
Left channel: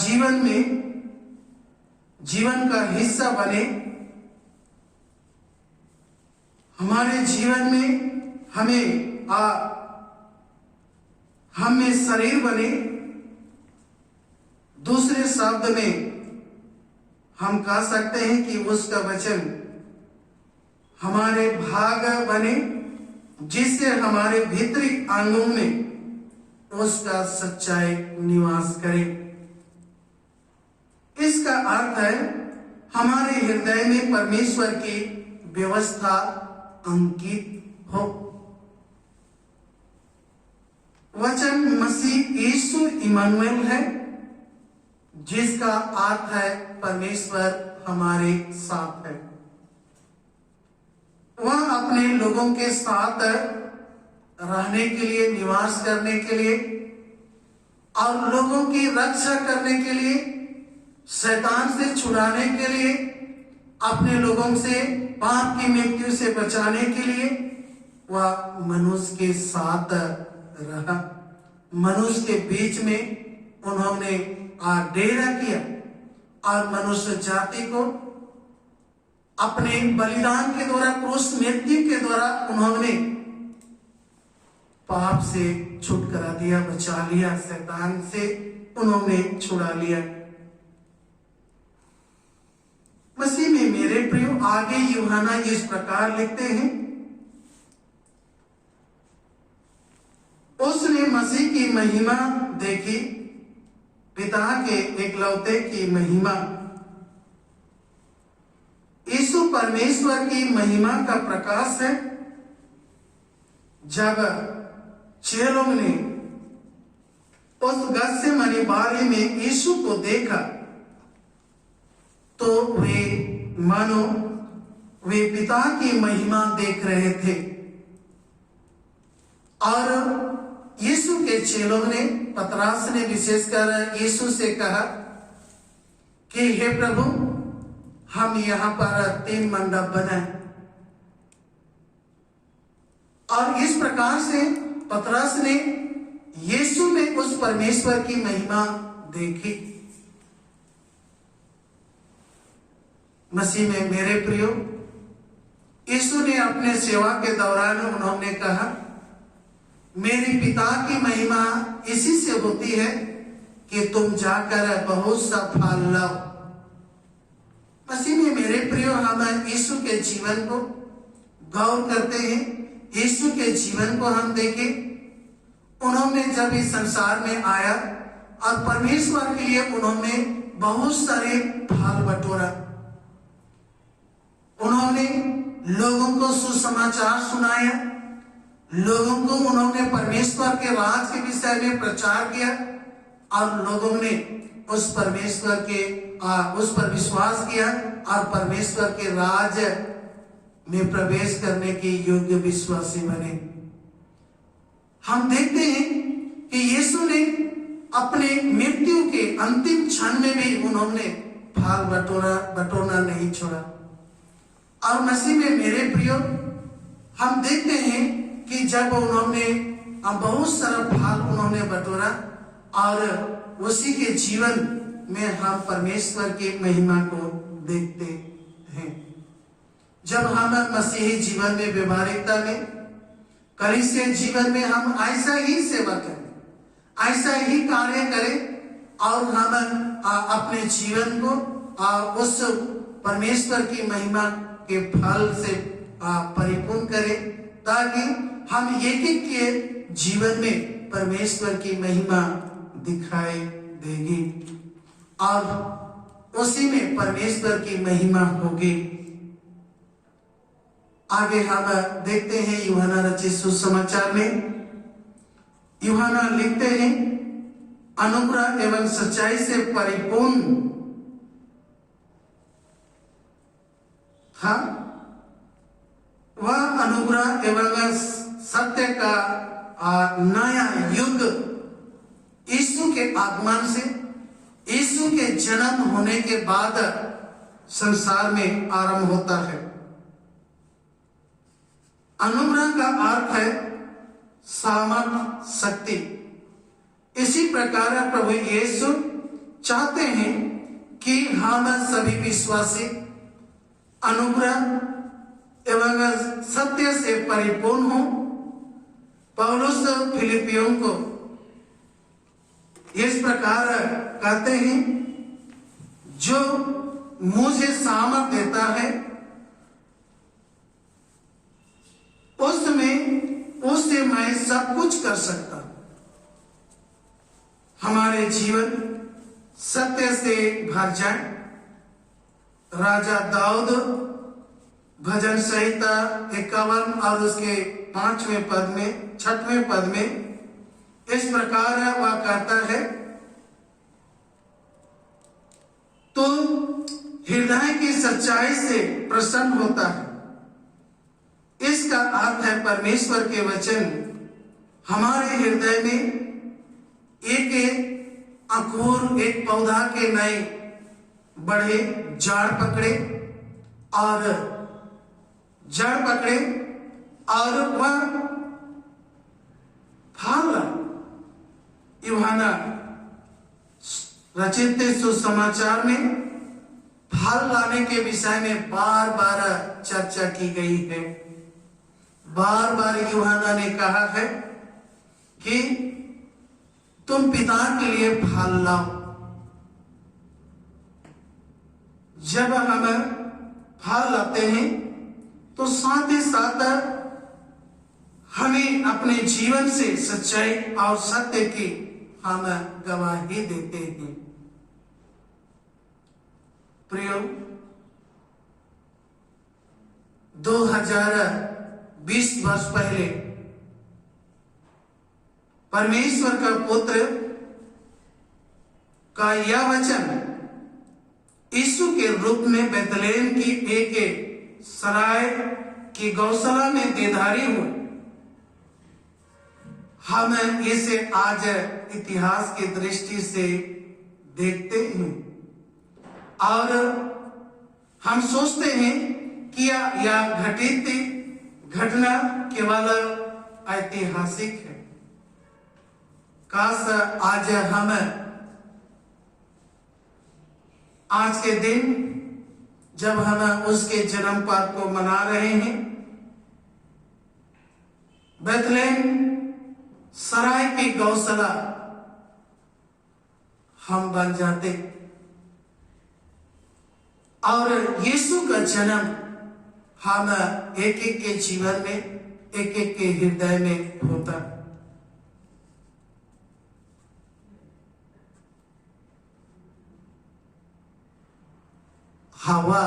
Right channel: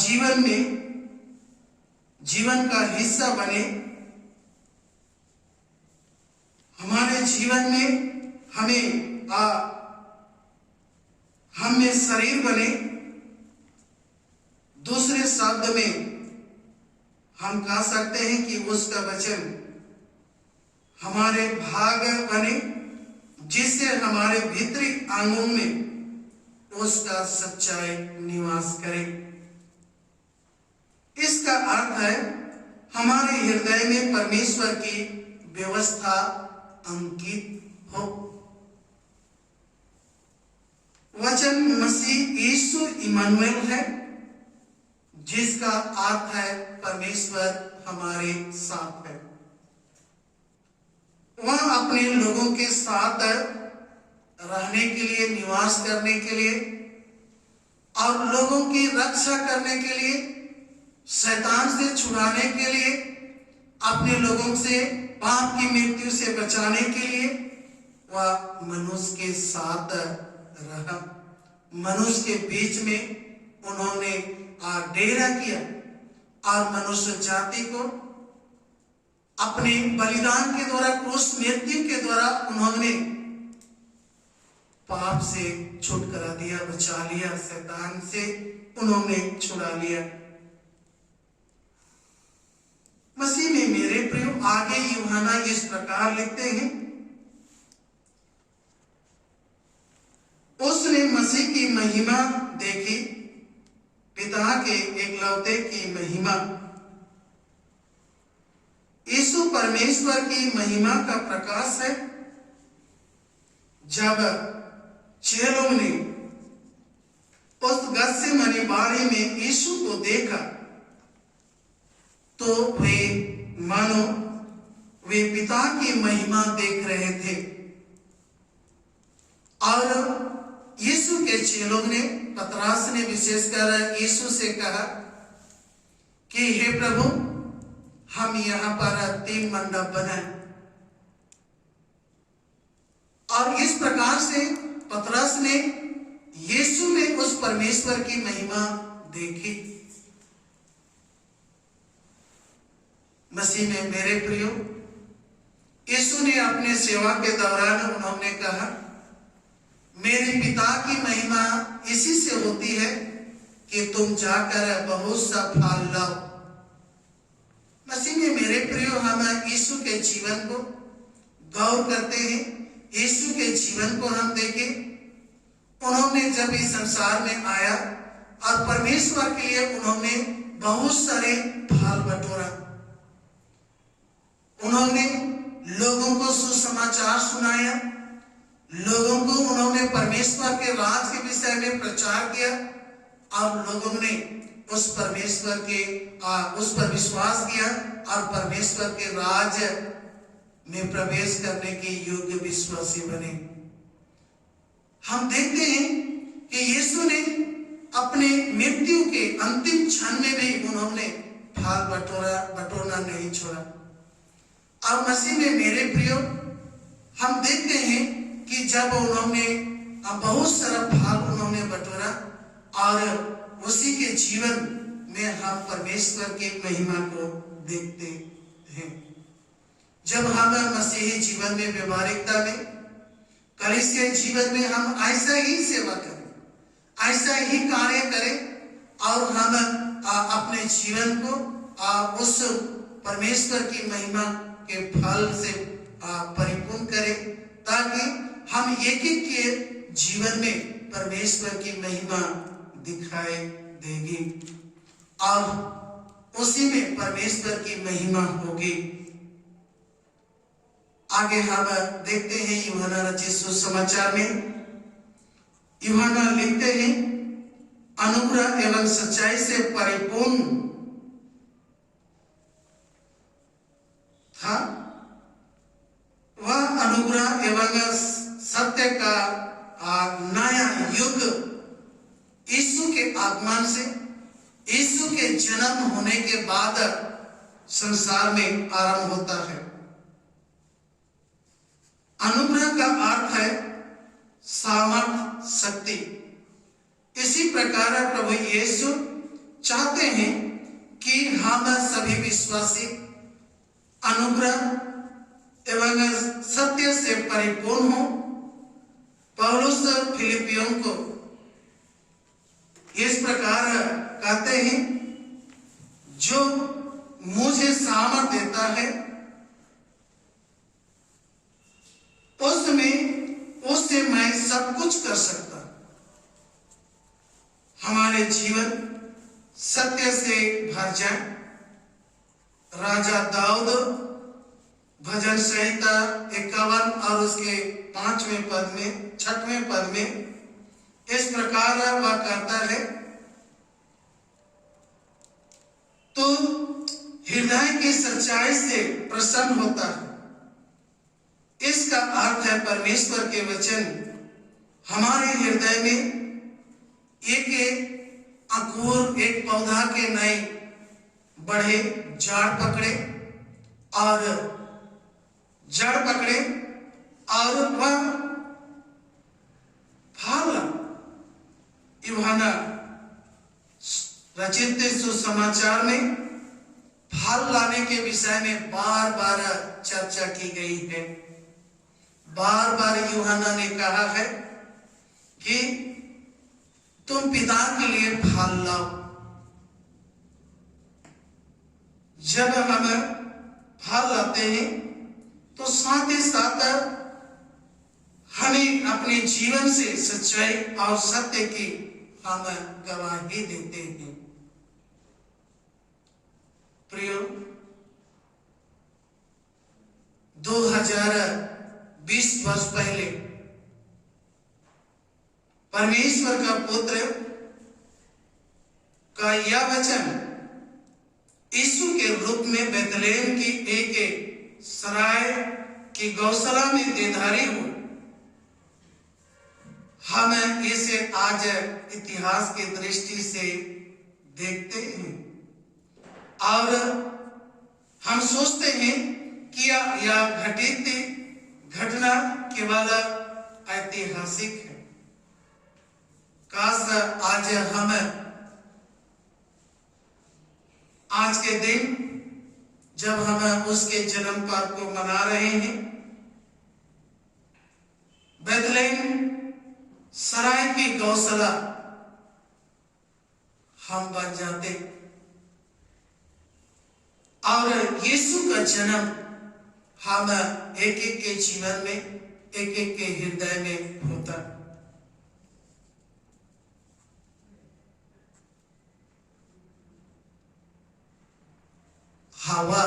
जीवन में जीवन का हिस्सा बने, हमारे जीवन में हम में शरीर बने। दूसरे शब्द में हम कह सकते हैं कि उसका वचन हमारे भाग बने, जिससे हमारे भीतरी अंगों में उसका सच्चाई निवास करे। इसका अर्थ है हमारे हृदय में परमेश्वर की व्यवस्था अंकित हो। वचन मसीह यीशु इमानुएल है, जिसका अर्थ है परमेश्वर हमारे साथ है। वह अपने लोगों के साथ रहने के लिए, निवास करने के लिए और लोगों की रक्षा करने के लिए, शैतान से छुड़ाने के लिए, अपने लोगों से पाप की मृत्यु से बचाने के लिए वह मनुष्य के साथ रहा। मनुष्य के बीच में उन्होंने डेरा किया और मनुष्य जाति को अपने बलिदान के द्वारा, क्रूस मृत्यु के द्वारा उन्होंने पाप से छुटकारा दिया, बचा लिया, शैतान से उन्होंने छुड़ा लिया। मसीह में मेरे प्रियो, आगे यूहन्ना इस प्रकार लिखते हैं, उसने मसीह की महिमा देखी, पिता के एकलौते की महिमा। यीशु परमेश्वर की महिमा का प्रकाश है। जब चेलों ने उस गत्सेमनी बाड़ी में यीशु को देखा, तो वे मानो वे पिता की महिमा देख रहे थे। और यीशु के चेलों ने, पतरस ने विशेषकर यीशु से कहा कि हे प्रभु, हम यहां पर 3 मंडप बनाए। और इस प्रकार से पतरस ने यीशु में उस परमेश्वर की महिमा देखी। मसीह में मेरे प्रियो, यीशु ने अपने सेवा के दौरान उन्होंने कहा, मेरी पिता की महिमा इसी से होती है कि तुम जाकर बहुत सा फल लाओ। मसीह में मेरे प्रियो, हम यीशु के जीवन को गौर करते हैं, यीशु के जीवन को हम देखें। उन्होंने जब इस संसार में आया और परमेश्वर के लिए उन्होंने बहुत सारे फल बटोरा। उन्होंने लोगों को सुसमाचार सुनाया, लोगों को उन्होंने परमेश्वर के राज के विषय में प्रचार किया और लोगों ने उस परमेश्वर के उस पर विश्वास किया और परमेश्वर के राज में प्रवेश करने के योग्य विश्वासी बने। हम देखते हैं कि यीशु ने अपने मृत्यु के अंतिम क्षण में भी उन्होंने फल बटोरना नहीं छोड़ा। और मसीह में मेरे प्रियो, हम देखते हैं कि जब उन्होंने बहुत सारा फल उन्होंने बटोरा और उसी के जीवन में हम परमेश्वर की महिमा को देखते हैं। जब हम मसीही जीवन में, व्यवहारिकता में, कलीसिया जीवन में हम ऐसा ही सेवा करें, ऐसा ही कार्य करें और हम अपने जीवन को उस परमेश्वर की महिमा के फल से परिपूर्ण करें, ताकि हम एक के जीवन में परमेश्वर की महिमा दिखाई देगी और उसी में परमेश्वर की महिमा होगी। आगे हम देखते हैं यूहन्ना रचित सुसमाचार में। यूहन्ना लिखते हैं, अनुग्रह एवं सच्चाई से परिपूर्ण था। वह अनुग्रह एवं सत्य का नया युग यीशु के आगमन से, यीशु के जन्म होने के बाद संसार में आरंभ होता है। अनुग्रह का अर्थ है सामर्थ, शक्ति। इसी प्रकार प्रभु यीशु चाहते हैं कि हम सभी विश्वासी अनुग्रह एवं सत्य से परिपूर्ण हो। पौलुस फिलिपियों को इस प्रकार कहते हैं, जो मुझे सामर्थ देता है उससे मैं सब कुछ कर सकता। हमारे जीवन सत्य से भर जाए। राजा दाऊद भजन संहिता 51 और उसके 5वें पद में 6वें पद में इस प्रकार वह कहता है, तो हृदय की सच्चाई से प्रसन्न होता है। इसका अर्थ है परमेश्वर के वचन हमारे हृदय में एक अंकुर, एक पौधा के नए बढ़े, जड़ पकड़े और वह फल यूहन्ना रचित सुसमाचार में फल लाने के विषय में बार बार चर्चा की गई है। बार बार यूहन्ना ने कहा है कि तुम पिता के लिए फल लाओ। जब हम फल लाते हैं तो साथ ही साथ हमें अपने जीवन से सच्चाई और सत्य की हम गवाही देते हैं। प्रियो, 2020 वर्ष पहले परमेश्वर का पुत्र का यह वचन यीशु के रूप में बेथलेहम की एक सराय की गौशाला में देधारी हुए। हम इसे आज इतिहास की दृष्टि से देखते हैं और हम सोचते हैं कि यह घटित घटना केवल ऐतिहासिक है। काश आज के दिन जब हम उसके जन्म पर्व को मना रहे हैं, बेथलेहम सराय की गौशाला हम बन जाते और यीशु का जन्म हम एक एक के जीवन में, एक एक के हृदय में होता। हवा,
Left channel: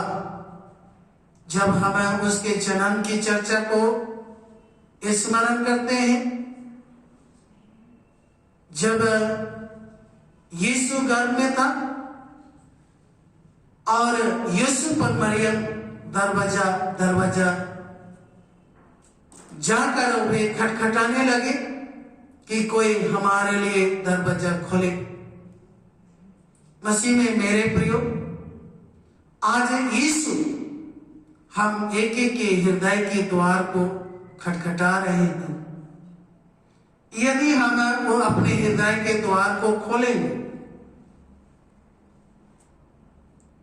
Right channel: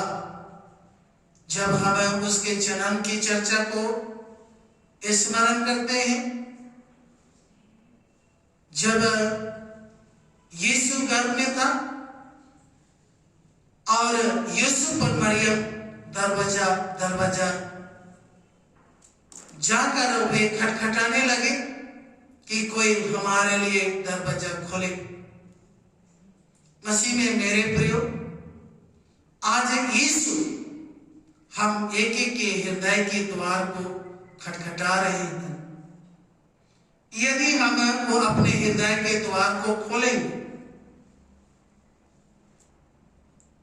जब हम उसके जन्म की चर्चा को स्मरण करते हैं, जब यीशु गर्भ में था और यीशु पर मरियम दरवाजा जाकर वे खटखटाने लगे कि कोई हमारे लिए दरवाजा खोले। मसीह में मेरे प्रियो, आज यीशु हम एक एक के हृदय के द्वार को खटखटा रहे हैं। यदि हम वो अपने हृदय के द्वार को खोलेंगे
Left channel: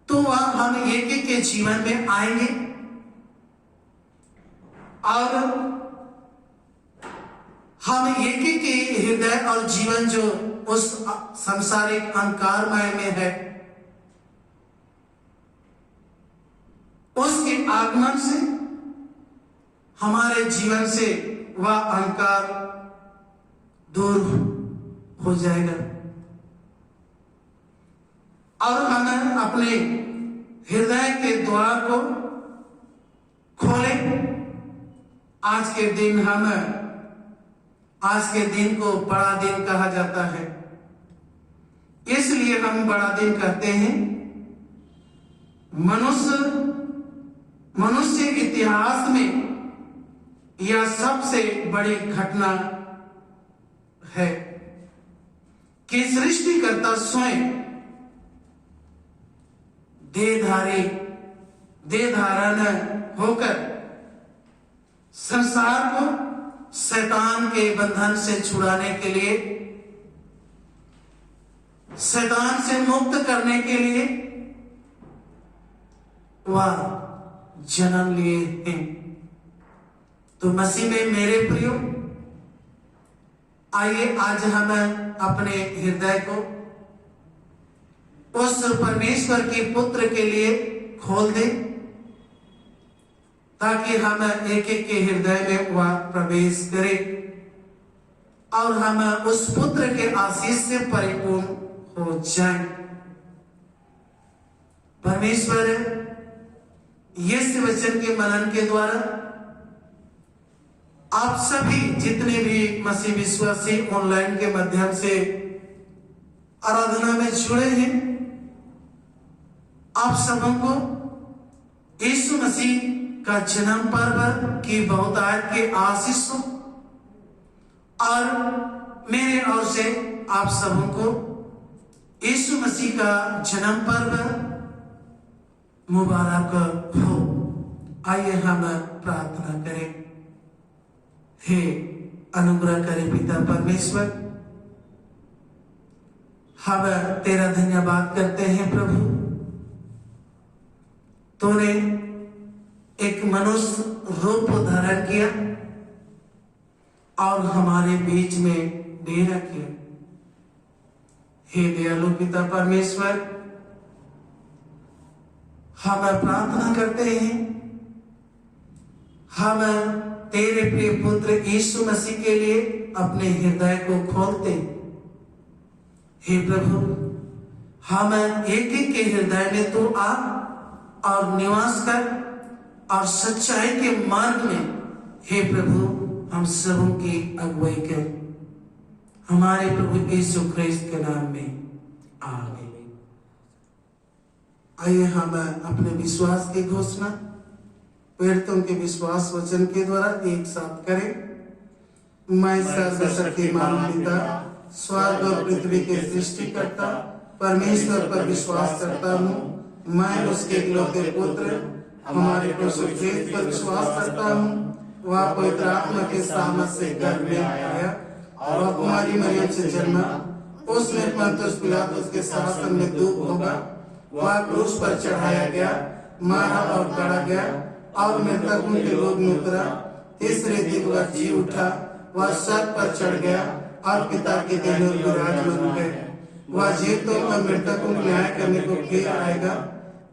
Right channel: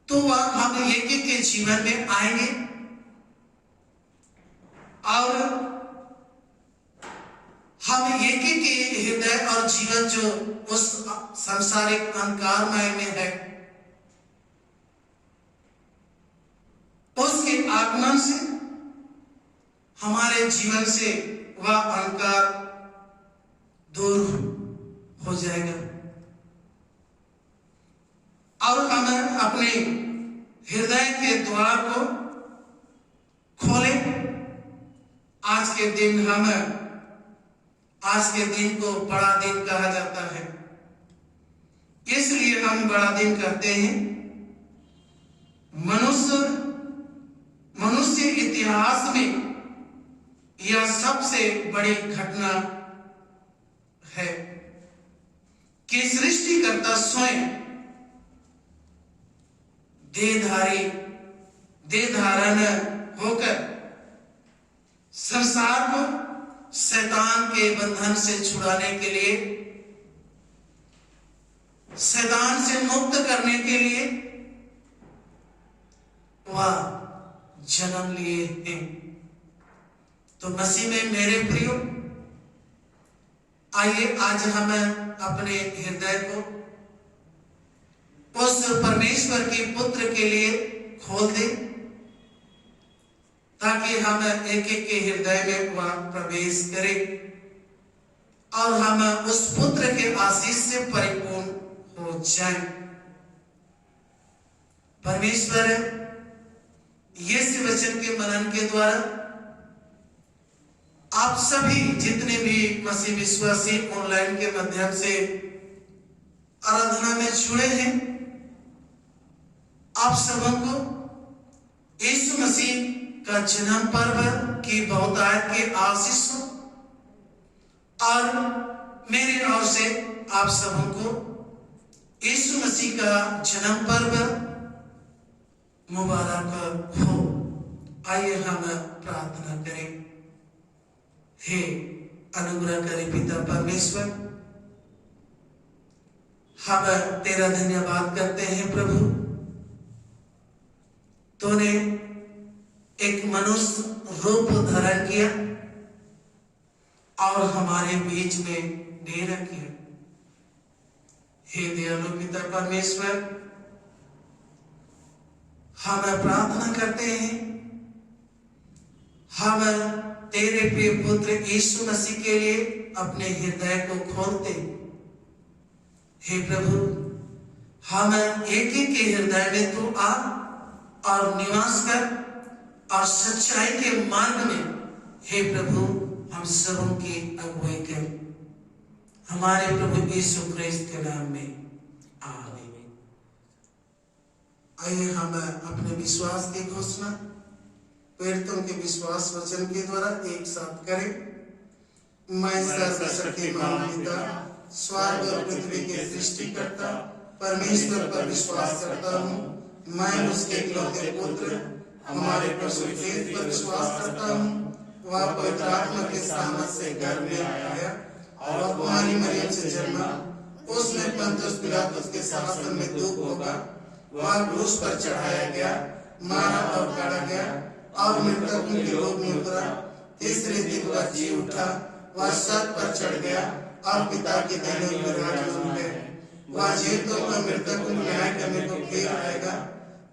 तो हम एक एक के जीवन में आएंगे और हम एक एक के हृदय और जीवन जो उस सांसारिक अंधकारमय में है, उसके आगमन से हमारे जीवन से वह अंधकार दूर हो जाएगा और हम अपने हृदय के द्वार को खोलें। आज के दिन को बड़ा दिन कहा जाता है। इसलिए हम बड़ा दिन करते हैं। मनुष्य इतिहास में यह सबसे बड़ी घटना है कि सृष्टिकर्ता स्वयं देह धारण होकर संसार को शैतान के बंधन से छुड़ाने के लिए, शैतान से मुक्त करने के लिए वह जन्म लिए हैं। तो मसीह में मेरे प्रियो, आइए आज हम अपने हृदय को उस परमेश्वर के पुत्र के लिए खोल दें, ताकि हम एक एक के हृदय में वह प्रवेश करें और हम उस पुत्र के आशीष से परिपूर्ण हो जाएं। परमेश्वर यीशु वचन के मनन के द्वारा आप सभी जितने भी मसीह विश्वासी ऑनलाइन के माध्यम से आराधना में जुड़े हैं, आप सबको यीशु मसीह का जन्म पर्व की बहुतायत के आशीषों और मेरे ओर से आप सबको यीशु मसीह का जन्म पर्व मुबारक हो। आइए हम प्रार्थना करें। हे अनुग्रह करे पिता परमेश्वर, हम तेरा धन्यवाद करते हैं प्रभु। तूने एक मनुष्य रूप धारण किया और हमारे बीच में डेरा किया। हे दयालु पिता परमेश्वर, हम प्रार्थना करते हैं, हम तेरे प्रिय पुत्र यीशु मसीह के लिए अपने हृदय को खोलते। हे प्रभु, हम एक एक के हृदय में तू आ और निवास कर और सच्चाई के मार्ग में हे प्रभु हम सबों की अगुवाई कर, हमारे प्रभु यीशु क्रिस्त के नाम में आमीन। आइए हम अपने विश्वास की घोषणा प्रेरितों के विश्वास वचन के द्वारा एक साथ करें। मैं सर्वशक्तिमान पिता, स्वर्ग और पृथ्वी के सृष्टिकर्ता परमेश्वर पर विश्वास करता हूँ। मैं उसके इकलौते पुत्र हमारे प्रभु क्रिस्त पर विश्वास करता हूँ। वह पवित्र आत्मा के सामर्थ से गर्भ में आया और कुमारी मरियम से जन्मा। उसने पंतुस पिलातुस के शासन में दूत होगा। वह क्रूस पर चढ़ाया गया, मारा और गाड़ा गया और मृतकों के लोक में उतरा। तीसरे दिन वह जी उठा। वह स्वर्ग पर चढ़ गया और पिता के देह में विराजमान है। वह जीवितों और मृतकों को न्याय करने को फिर आएगा।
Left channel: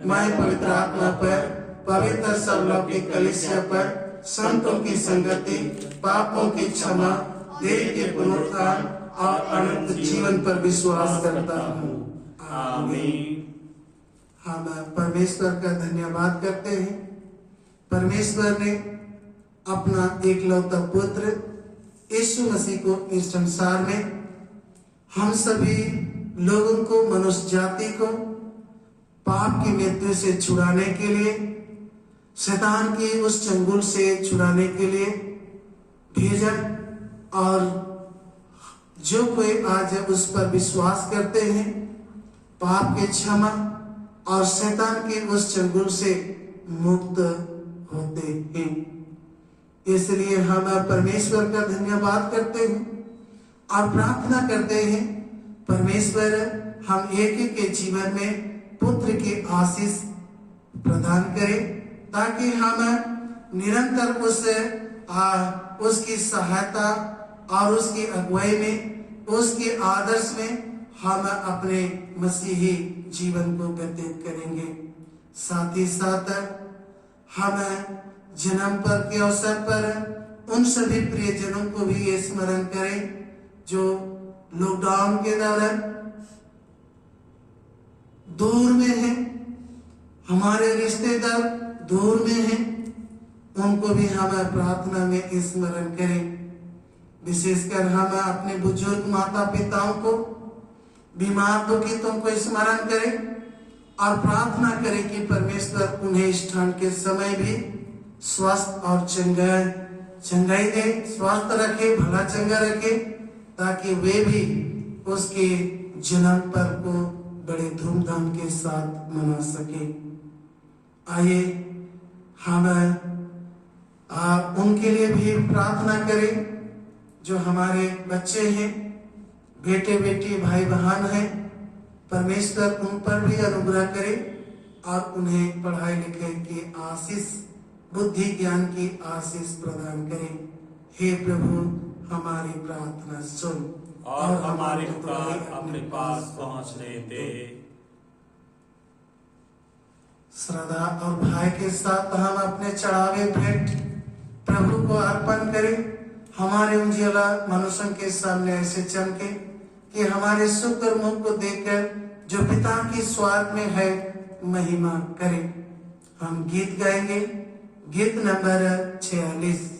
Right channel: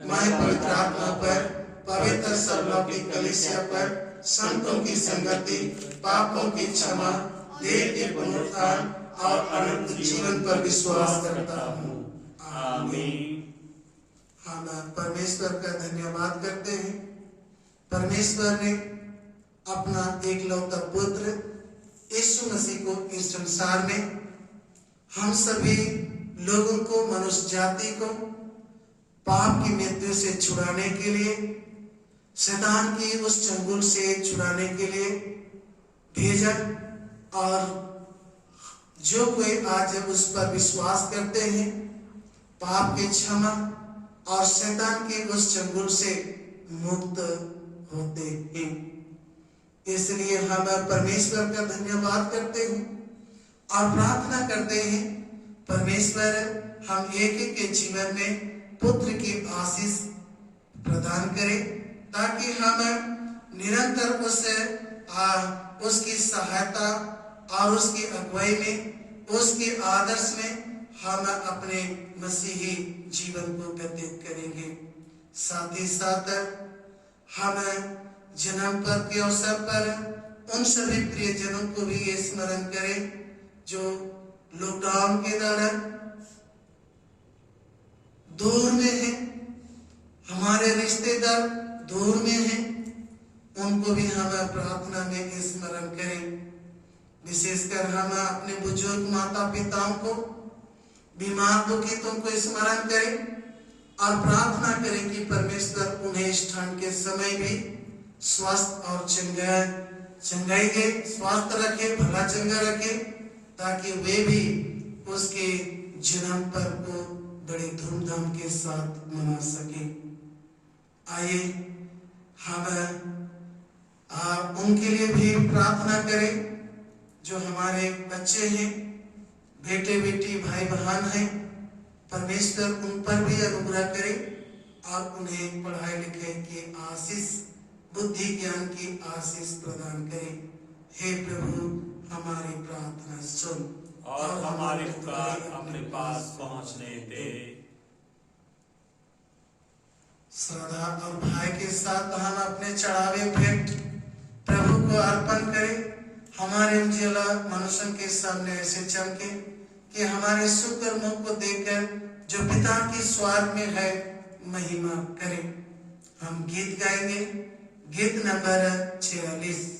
मैं पवित्र आत्मा पर, पवित्र सर्वलौकिक कलीसिया पर, संतों की संगति, पापों की क्षमा, देह के पुनरुत्थान और अनंत जीवन पर विश्वास करता हूँ। आमीन। हम परमेश्वर का धन्यवाद करते हैं। परमेश्वर ने अपना एकलौता पुत्र यीशु मसीह को इस संसार में हम सभी लोगों को, मनुष्य जाति को पाप की मृत्यु से छुड़ाने के लिए, शैतान की उस चंगुल से छुड़ाने के लिए भेजा। और जो कोई आज उस पर विश्वास करते हैं, पाप के क्षमा और शैतान के उस चंगुल से मुक्त होते हैं। इसलिए हम परमेश्वर का धन्यवाद करते हैं और प्रार्थना करते हैं, परमेश्वर हम एक एक के जीवन में पुत्र की आशीष प्रदान करें, ताकि हम निरंतर उसकी सहायता और उसकी अगुवाई में, उसके आदर्श में हम अपने मसीही जीवन को व्यतीत करेंगे। साथ ही साथ हम जन्म पर्व के अवसर पर उन सभी प्रियजनों को भी ये स्मरण करें जो लॉकडाउन के दौरान दूर में हैं, हमारे रिश्तेदार दूर में हैं, उनको भी हम प्रार्थना में स्मरण करें। विशेषकर हम अपने बुजुर्ग माता पिताओं को बीमार दुखितों को स्मरण करें और प्रार्थना करें कि परमेश्वर उन्हें इस ठंड के समय भी स्वस्थ और चंगाई दे, स्वस्थ रखे, भला चंगा रखे, ताकि वे भी उसके जन्म पर को बड़े धूमधाम के साथ मना सके। आइए हम उनके लिए भी प्रार्थना करें जो हमारे बच्चे हैं, बेटे बेटी भाई बहन हैं। परमेश्वर उन पर भी अनुग्रह करे और उन्हें पढ़ाई लिखाई की आशीष, बुद्धि ज्ञान की आशीष प्रदान करे। हे प्रभु, हमारी प्रार्थना सुन और हमारी पुकार अपने पास पहुंचने दे। श्रद्धा और भय के साथ हम अपने चढ़ावे भेंट प्रभु को अर्पण करें। हमारे उज्ज्वला मनुष्य के सामने ऐसे चमके कि हमारे सुंदर मुख को देखकर जो पिता की स्वर्ग में है महिमा करे। हम गीत गाएंगे, गीत नंबर 46।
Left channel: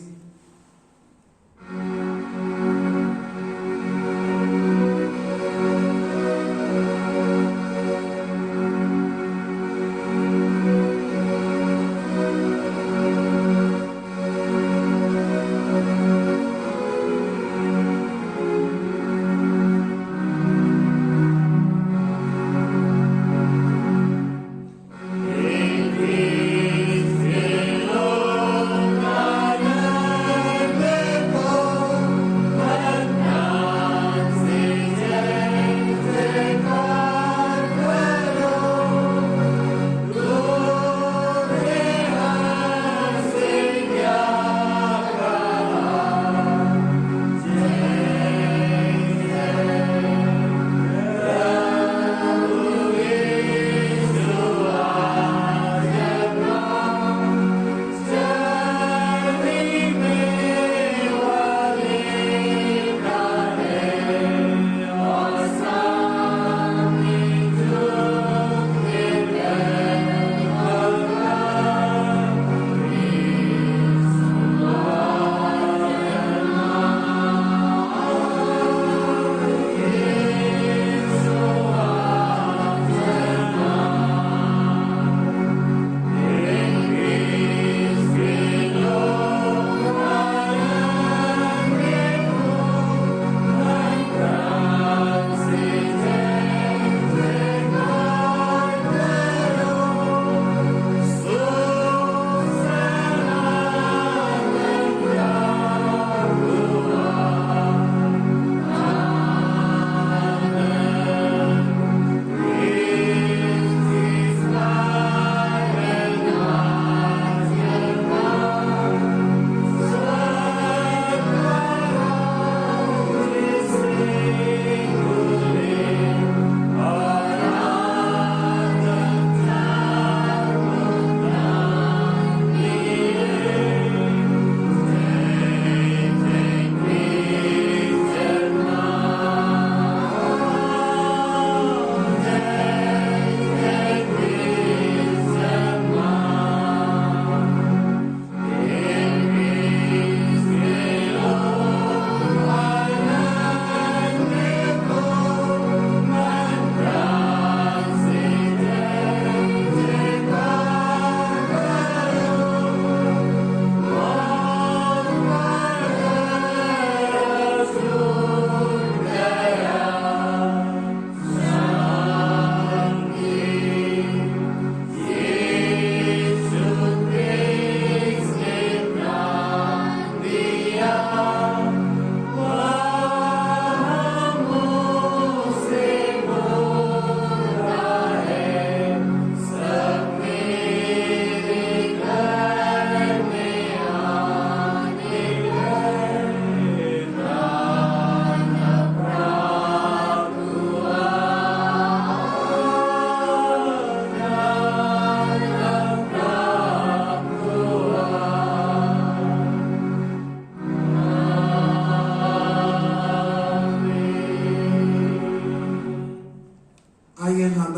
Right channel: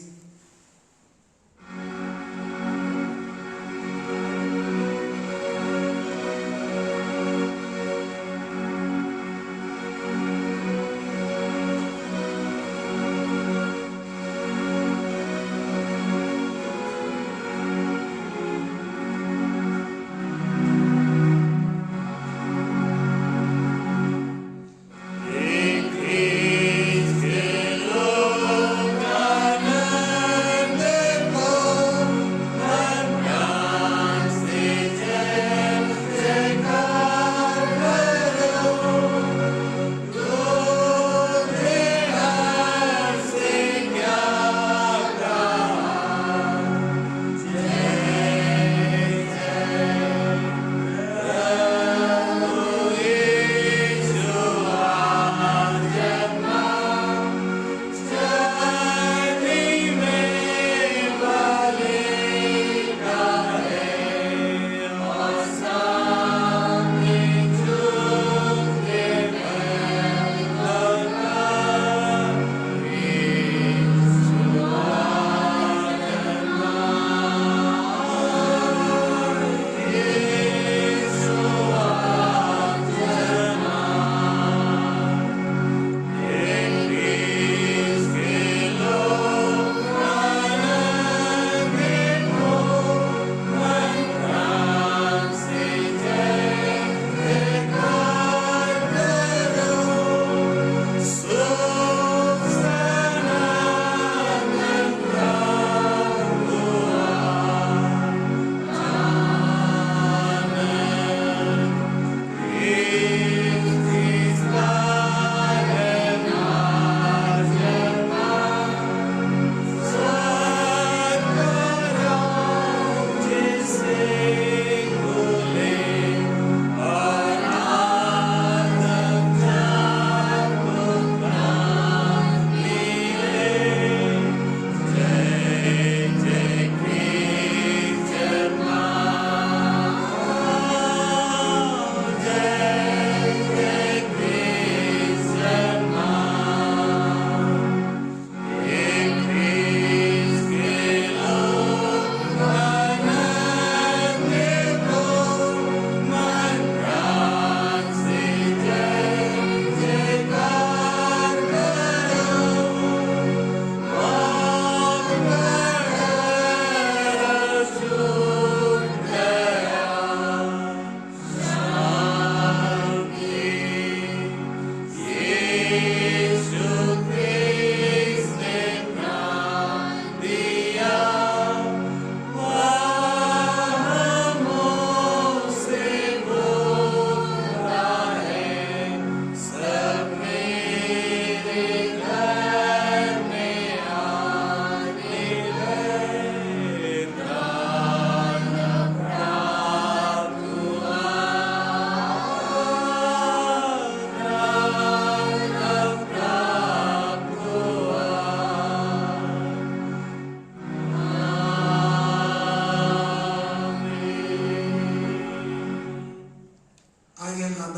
आइए हम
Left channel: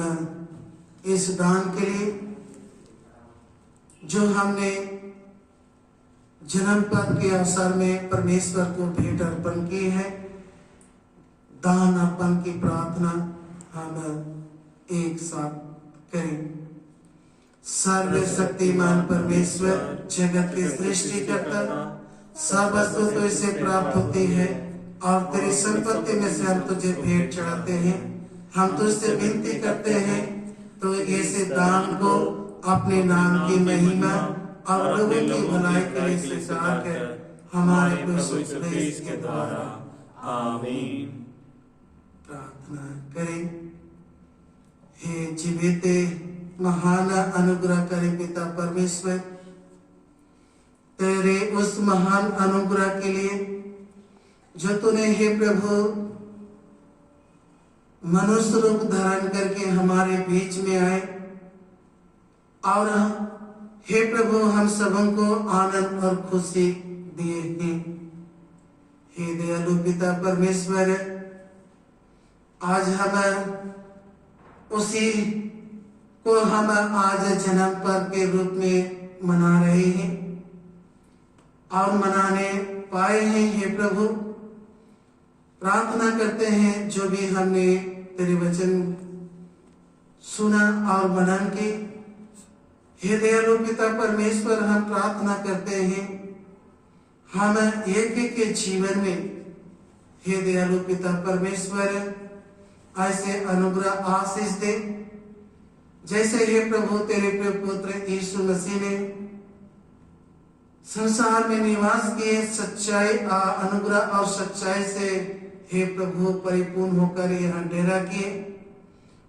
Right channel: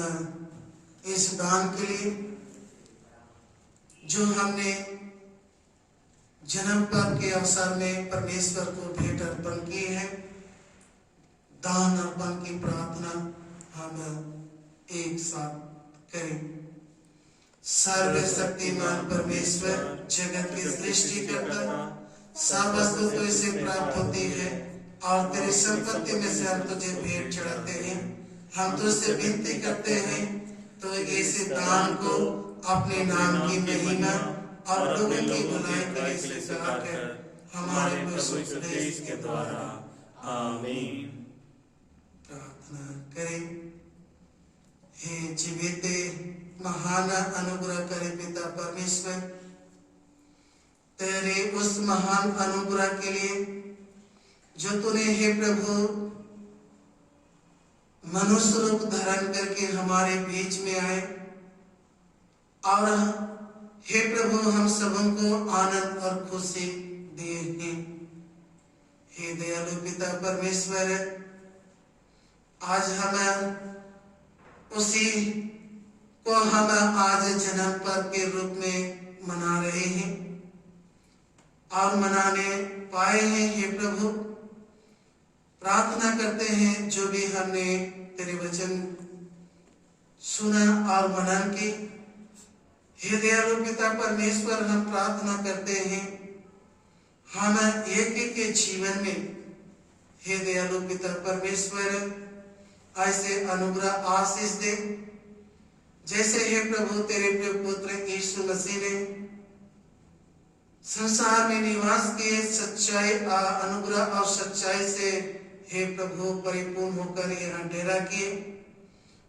इस दान के लिए जो हमने जन्म पर्व के अवसर में परमेश्वर को भेंट अर्पण की है, दान अर्पण की प्रार्थना हम एक साथ करें। सर्वशक्तिमान परमेश्वर, जगत के सृष्टिकर्ता, सब वस्तु तुझसे प्राप्त होती है और तेरी संपत्ति में से हम तुझे भेंट चढ़ाते हैं। हम तुझसे विनती करते हैं तो इस दान को अपने नाम की महिमा और लोगों की भलाई के लिए स्वीकार कर हमारे प्रभु यीशु मसीह के द्वारा। आमीन। प्रार्थना करें। हे जीवित महान अनुग्रह करे पिता परमेश्वर, तेरे उस महान अनुग्रह के लिए जो तूने हे प्रभु मनुष्य रूप धारण करके हमारे बीच में आए और हे प्रभु हम सबों को आनंद और खुशी दिए हैं। हे दयालु पिता परमेश्वर, आज हम उसी को हम आज जन्म पर्व के रूप में मना रहे हैं और मनाने पाए हैं। हे प्रभु, प्रार्थना करते हैं जो भी हमने तेरे वचन सुना और मनन की, हे दयालु पिता परमेश्वर, हम प्रार्थना करते हैं हम एक एक के जीवन में हे दयालु पिता परमेश्वर ऐसे अनुग्रह आशीष दे जैसे हे प्रभु तेरे पुत्र यीशु मसीह ने संसार में निवास किए, सच्चाई अनुग्रह और सच्चाई से हे प्रभु परिपूर्ण होकर यहाँ डेरा किए,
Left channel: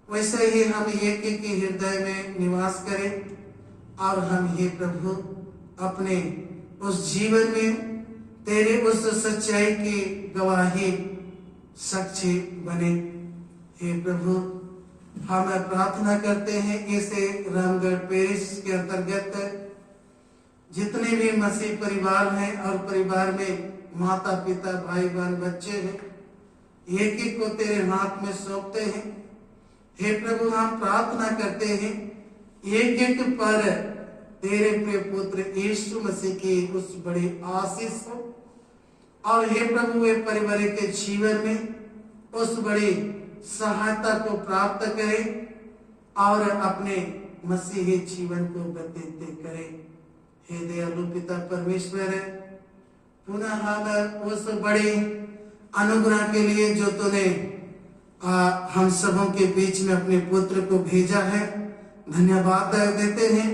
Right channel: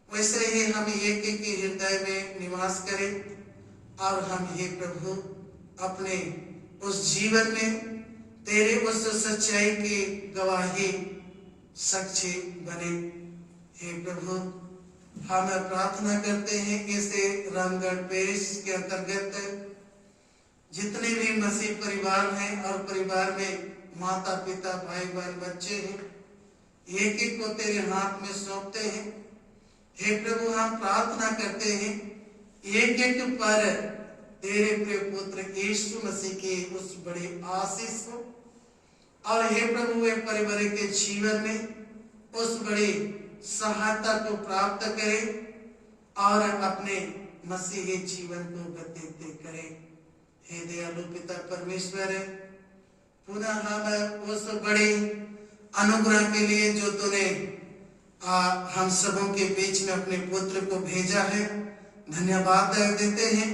वैसे ही हम एक एक के हृदय में निवास करें और हम हे प्रभु अपने उस जीवन में तेरे उस सच्चाई की गवाही साक्षी बने। हे प्रभु, हम प्रार्थना करते हैं इसे रामगढ़ पेरिस के अंतर्गत जितने भी मसीह परिवार हैं और परिवार में माता पिता भाई बहन बच्चे हैं, एक एक को तेरे हाथ में सौंपते हैं। हे प्रभु, हम प्रार्थना करते हैं एक एक पर तेरे प्रिय पुत्र यीशु मसीह की उस बड़ी आशीष हो और हे प्रभु वे परिवार के जीवन में उस बड़ी सहायता को प्राप्त करें और अपने मसीही जीवन को व्यतीत करें। हे दयालु पिता परमेश्वर, पुनः हम उस बड़ी अनुग्रह के लिए जो तूने हम सबों के बीच में अपने पुत्र को भेजा है, धन्यवाद देते हैं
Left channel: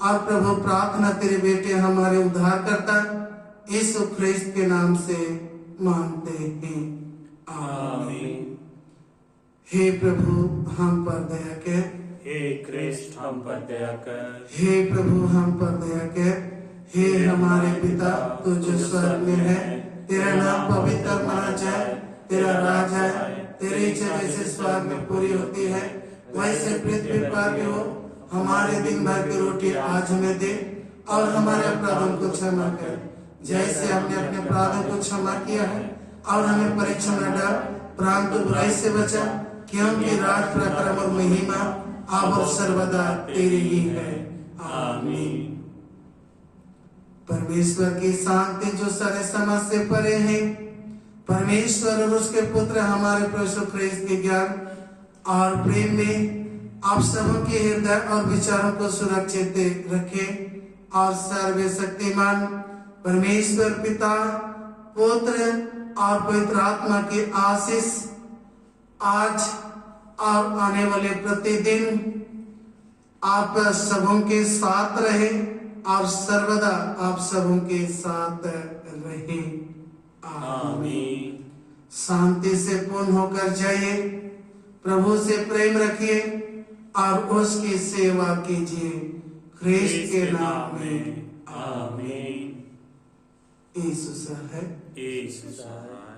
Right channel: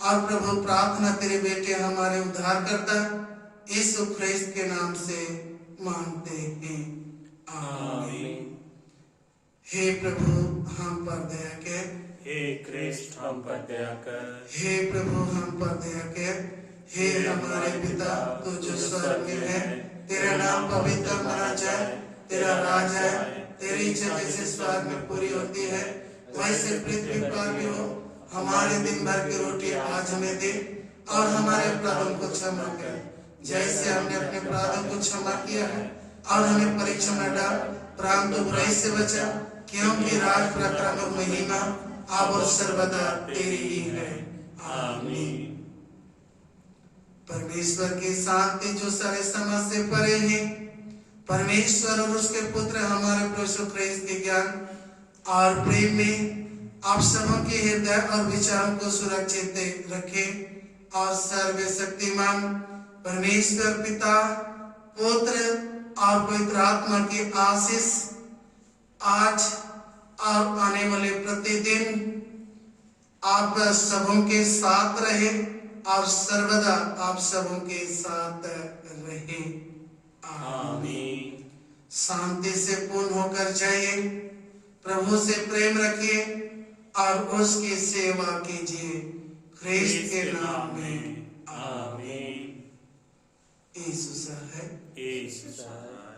और प्रभु प्रार्थना तेरे बेटे हमारे उद्धारकर्ता यीशु ख्रिस्त के नाम से मांगते हैं, आमीन। हे प्रभु हम पर दया कर, हे ख्रिस्त हम पर दया कर। हे प्रभु हम पर दया कर। हे हमारे पिता तू जो स्वर्ग में है, तेरा नाम पवित्र माना जाए, तेरा राज है, तेरी इच्छा जैसे स्वर्ग में पूरी होती है वैसे पृथ्वी पर भी हो। हमारे दिन भर की रोटी आज हमें दे और हमारे अपराधों को क्षमा कर जैसे हमने अपने अपराधों को क्षमा किया है, और हमें परीक्षा में डाल परंतु बुराई से बचा, क्योंकि राज पराक्रम और महिमा अब और सर्वदा तेरी ही है, आमीन। परमेश्वर की शांति जो सारे समझ से परे है, परमेश्वर और उसके पुत्र हमारे प्रभु यीशु ख्रिस्त के ज्ञान और प्रेम में आप सबों के हृदय और विचारों को सुरक्षित रखे और सर्वशक्तिमान परमेश्वर पिता, पुत्र और पवित्र आत्मा की आशीष आज और आने वाले प्रतिदिन आप सबों के साथ रहे और सर्वदा आप सबों के साथ रहे, आमीन। शांति से पूर्ण होकर जाइए, प्रभु से प्रेम रखिए और उसकी सेवा कीजिए, ख्रिस्त के नाम में, आमीन। यीशु है, यीशु है।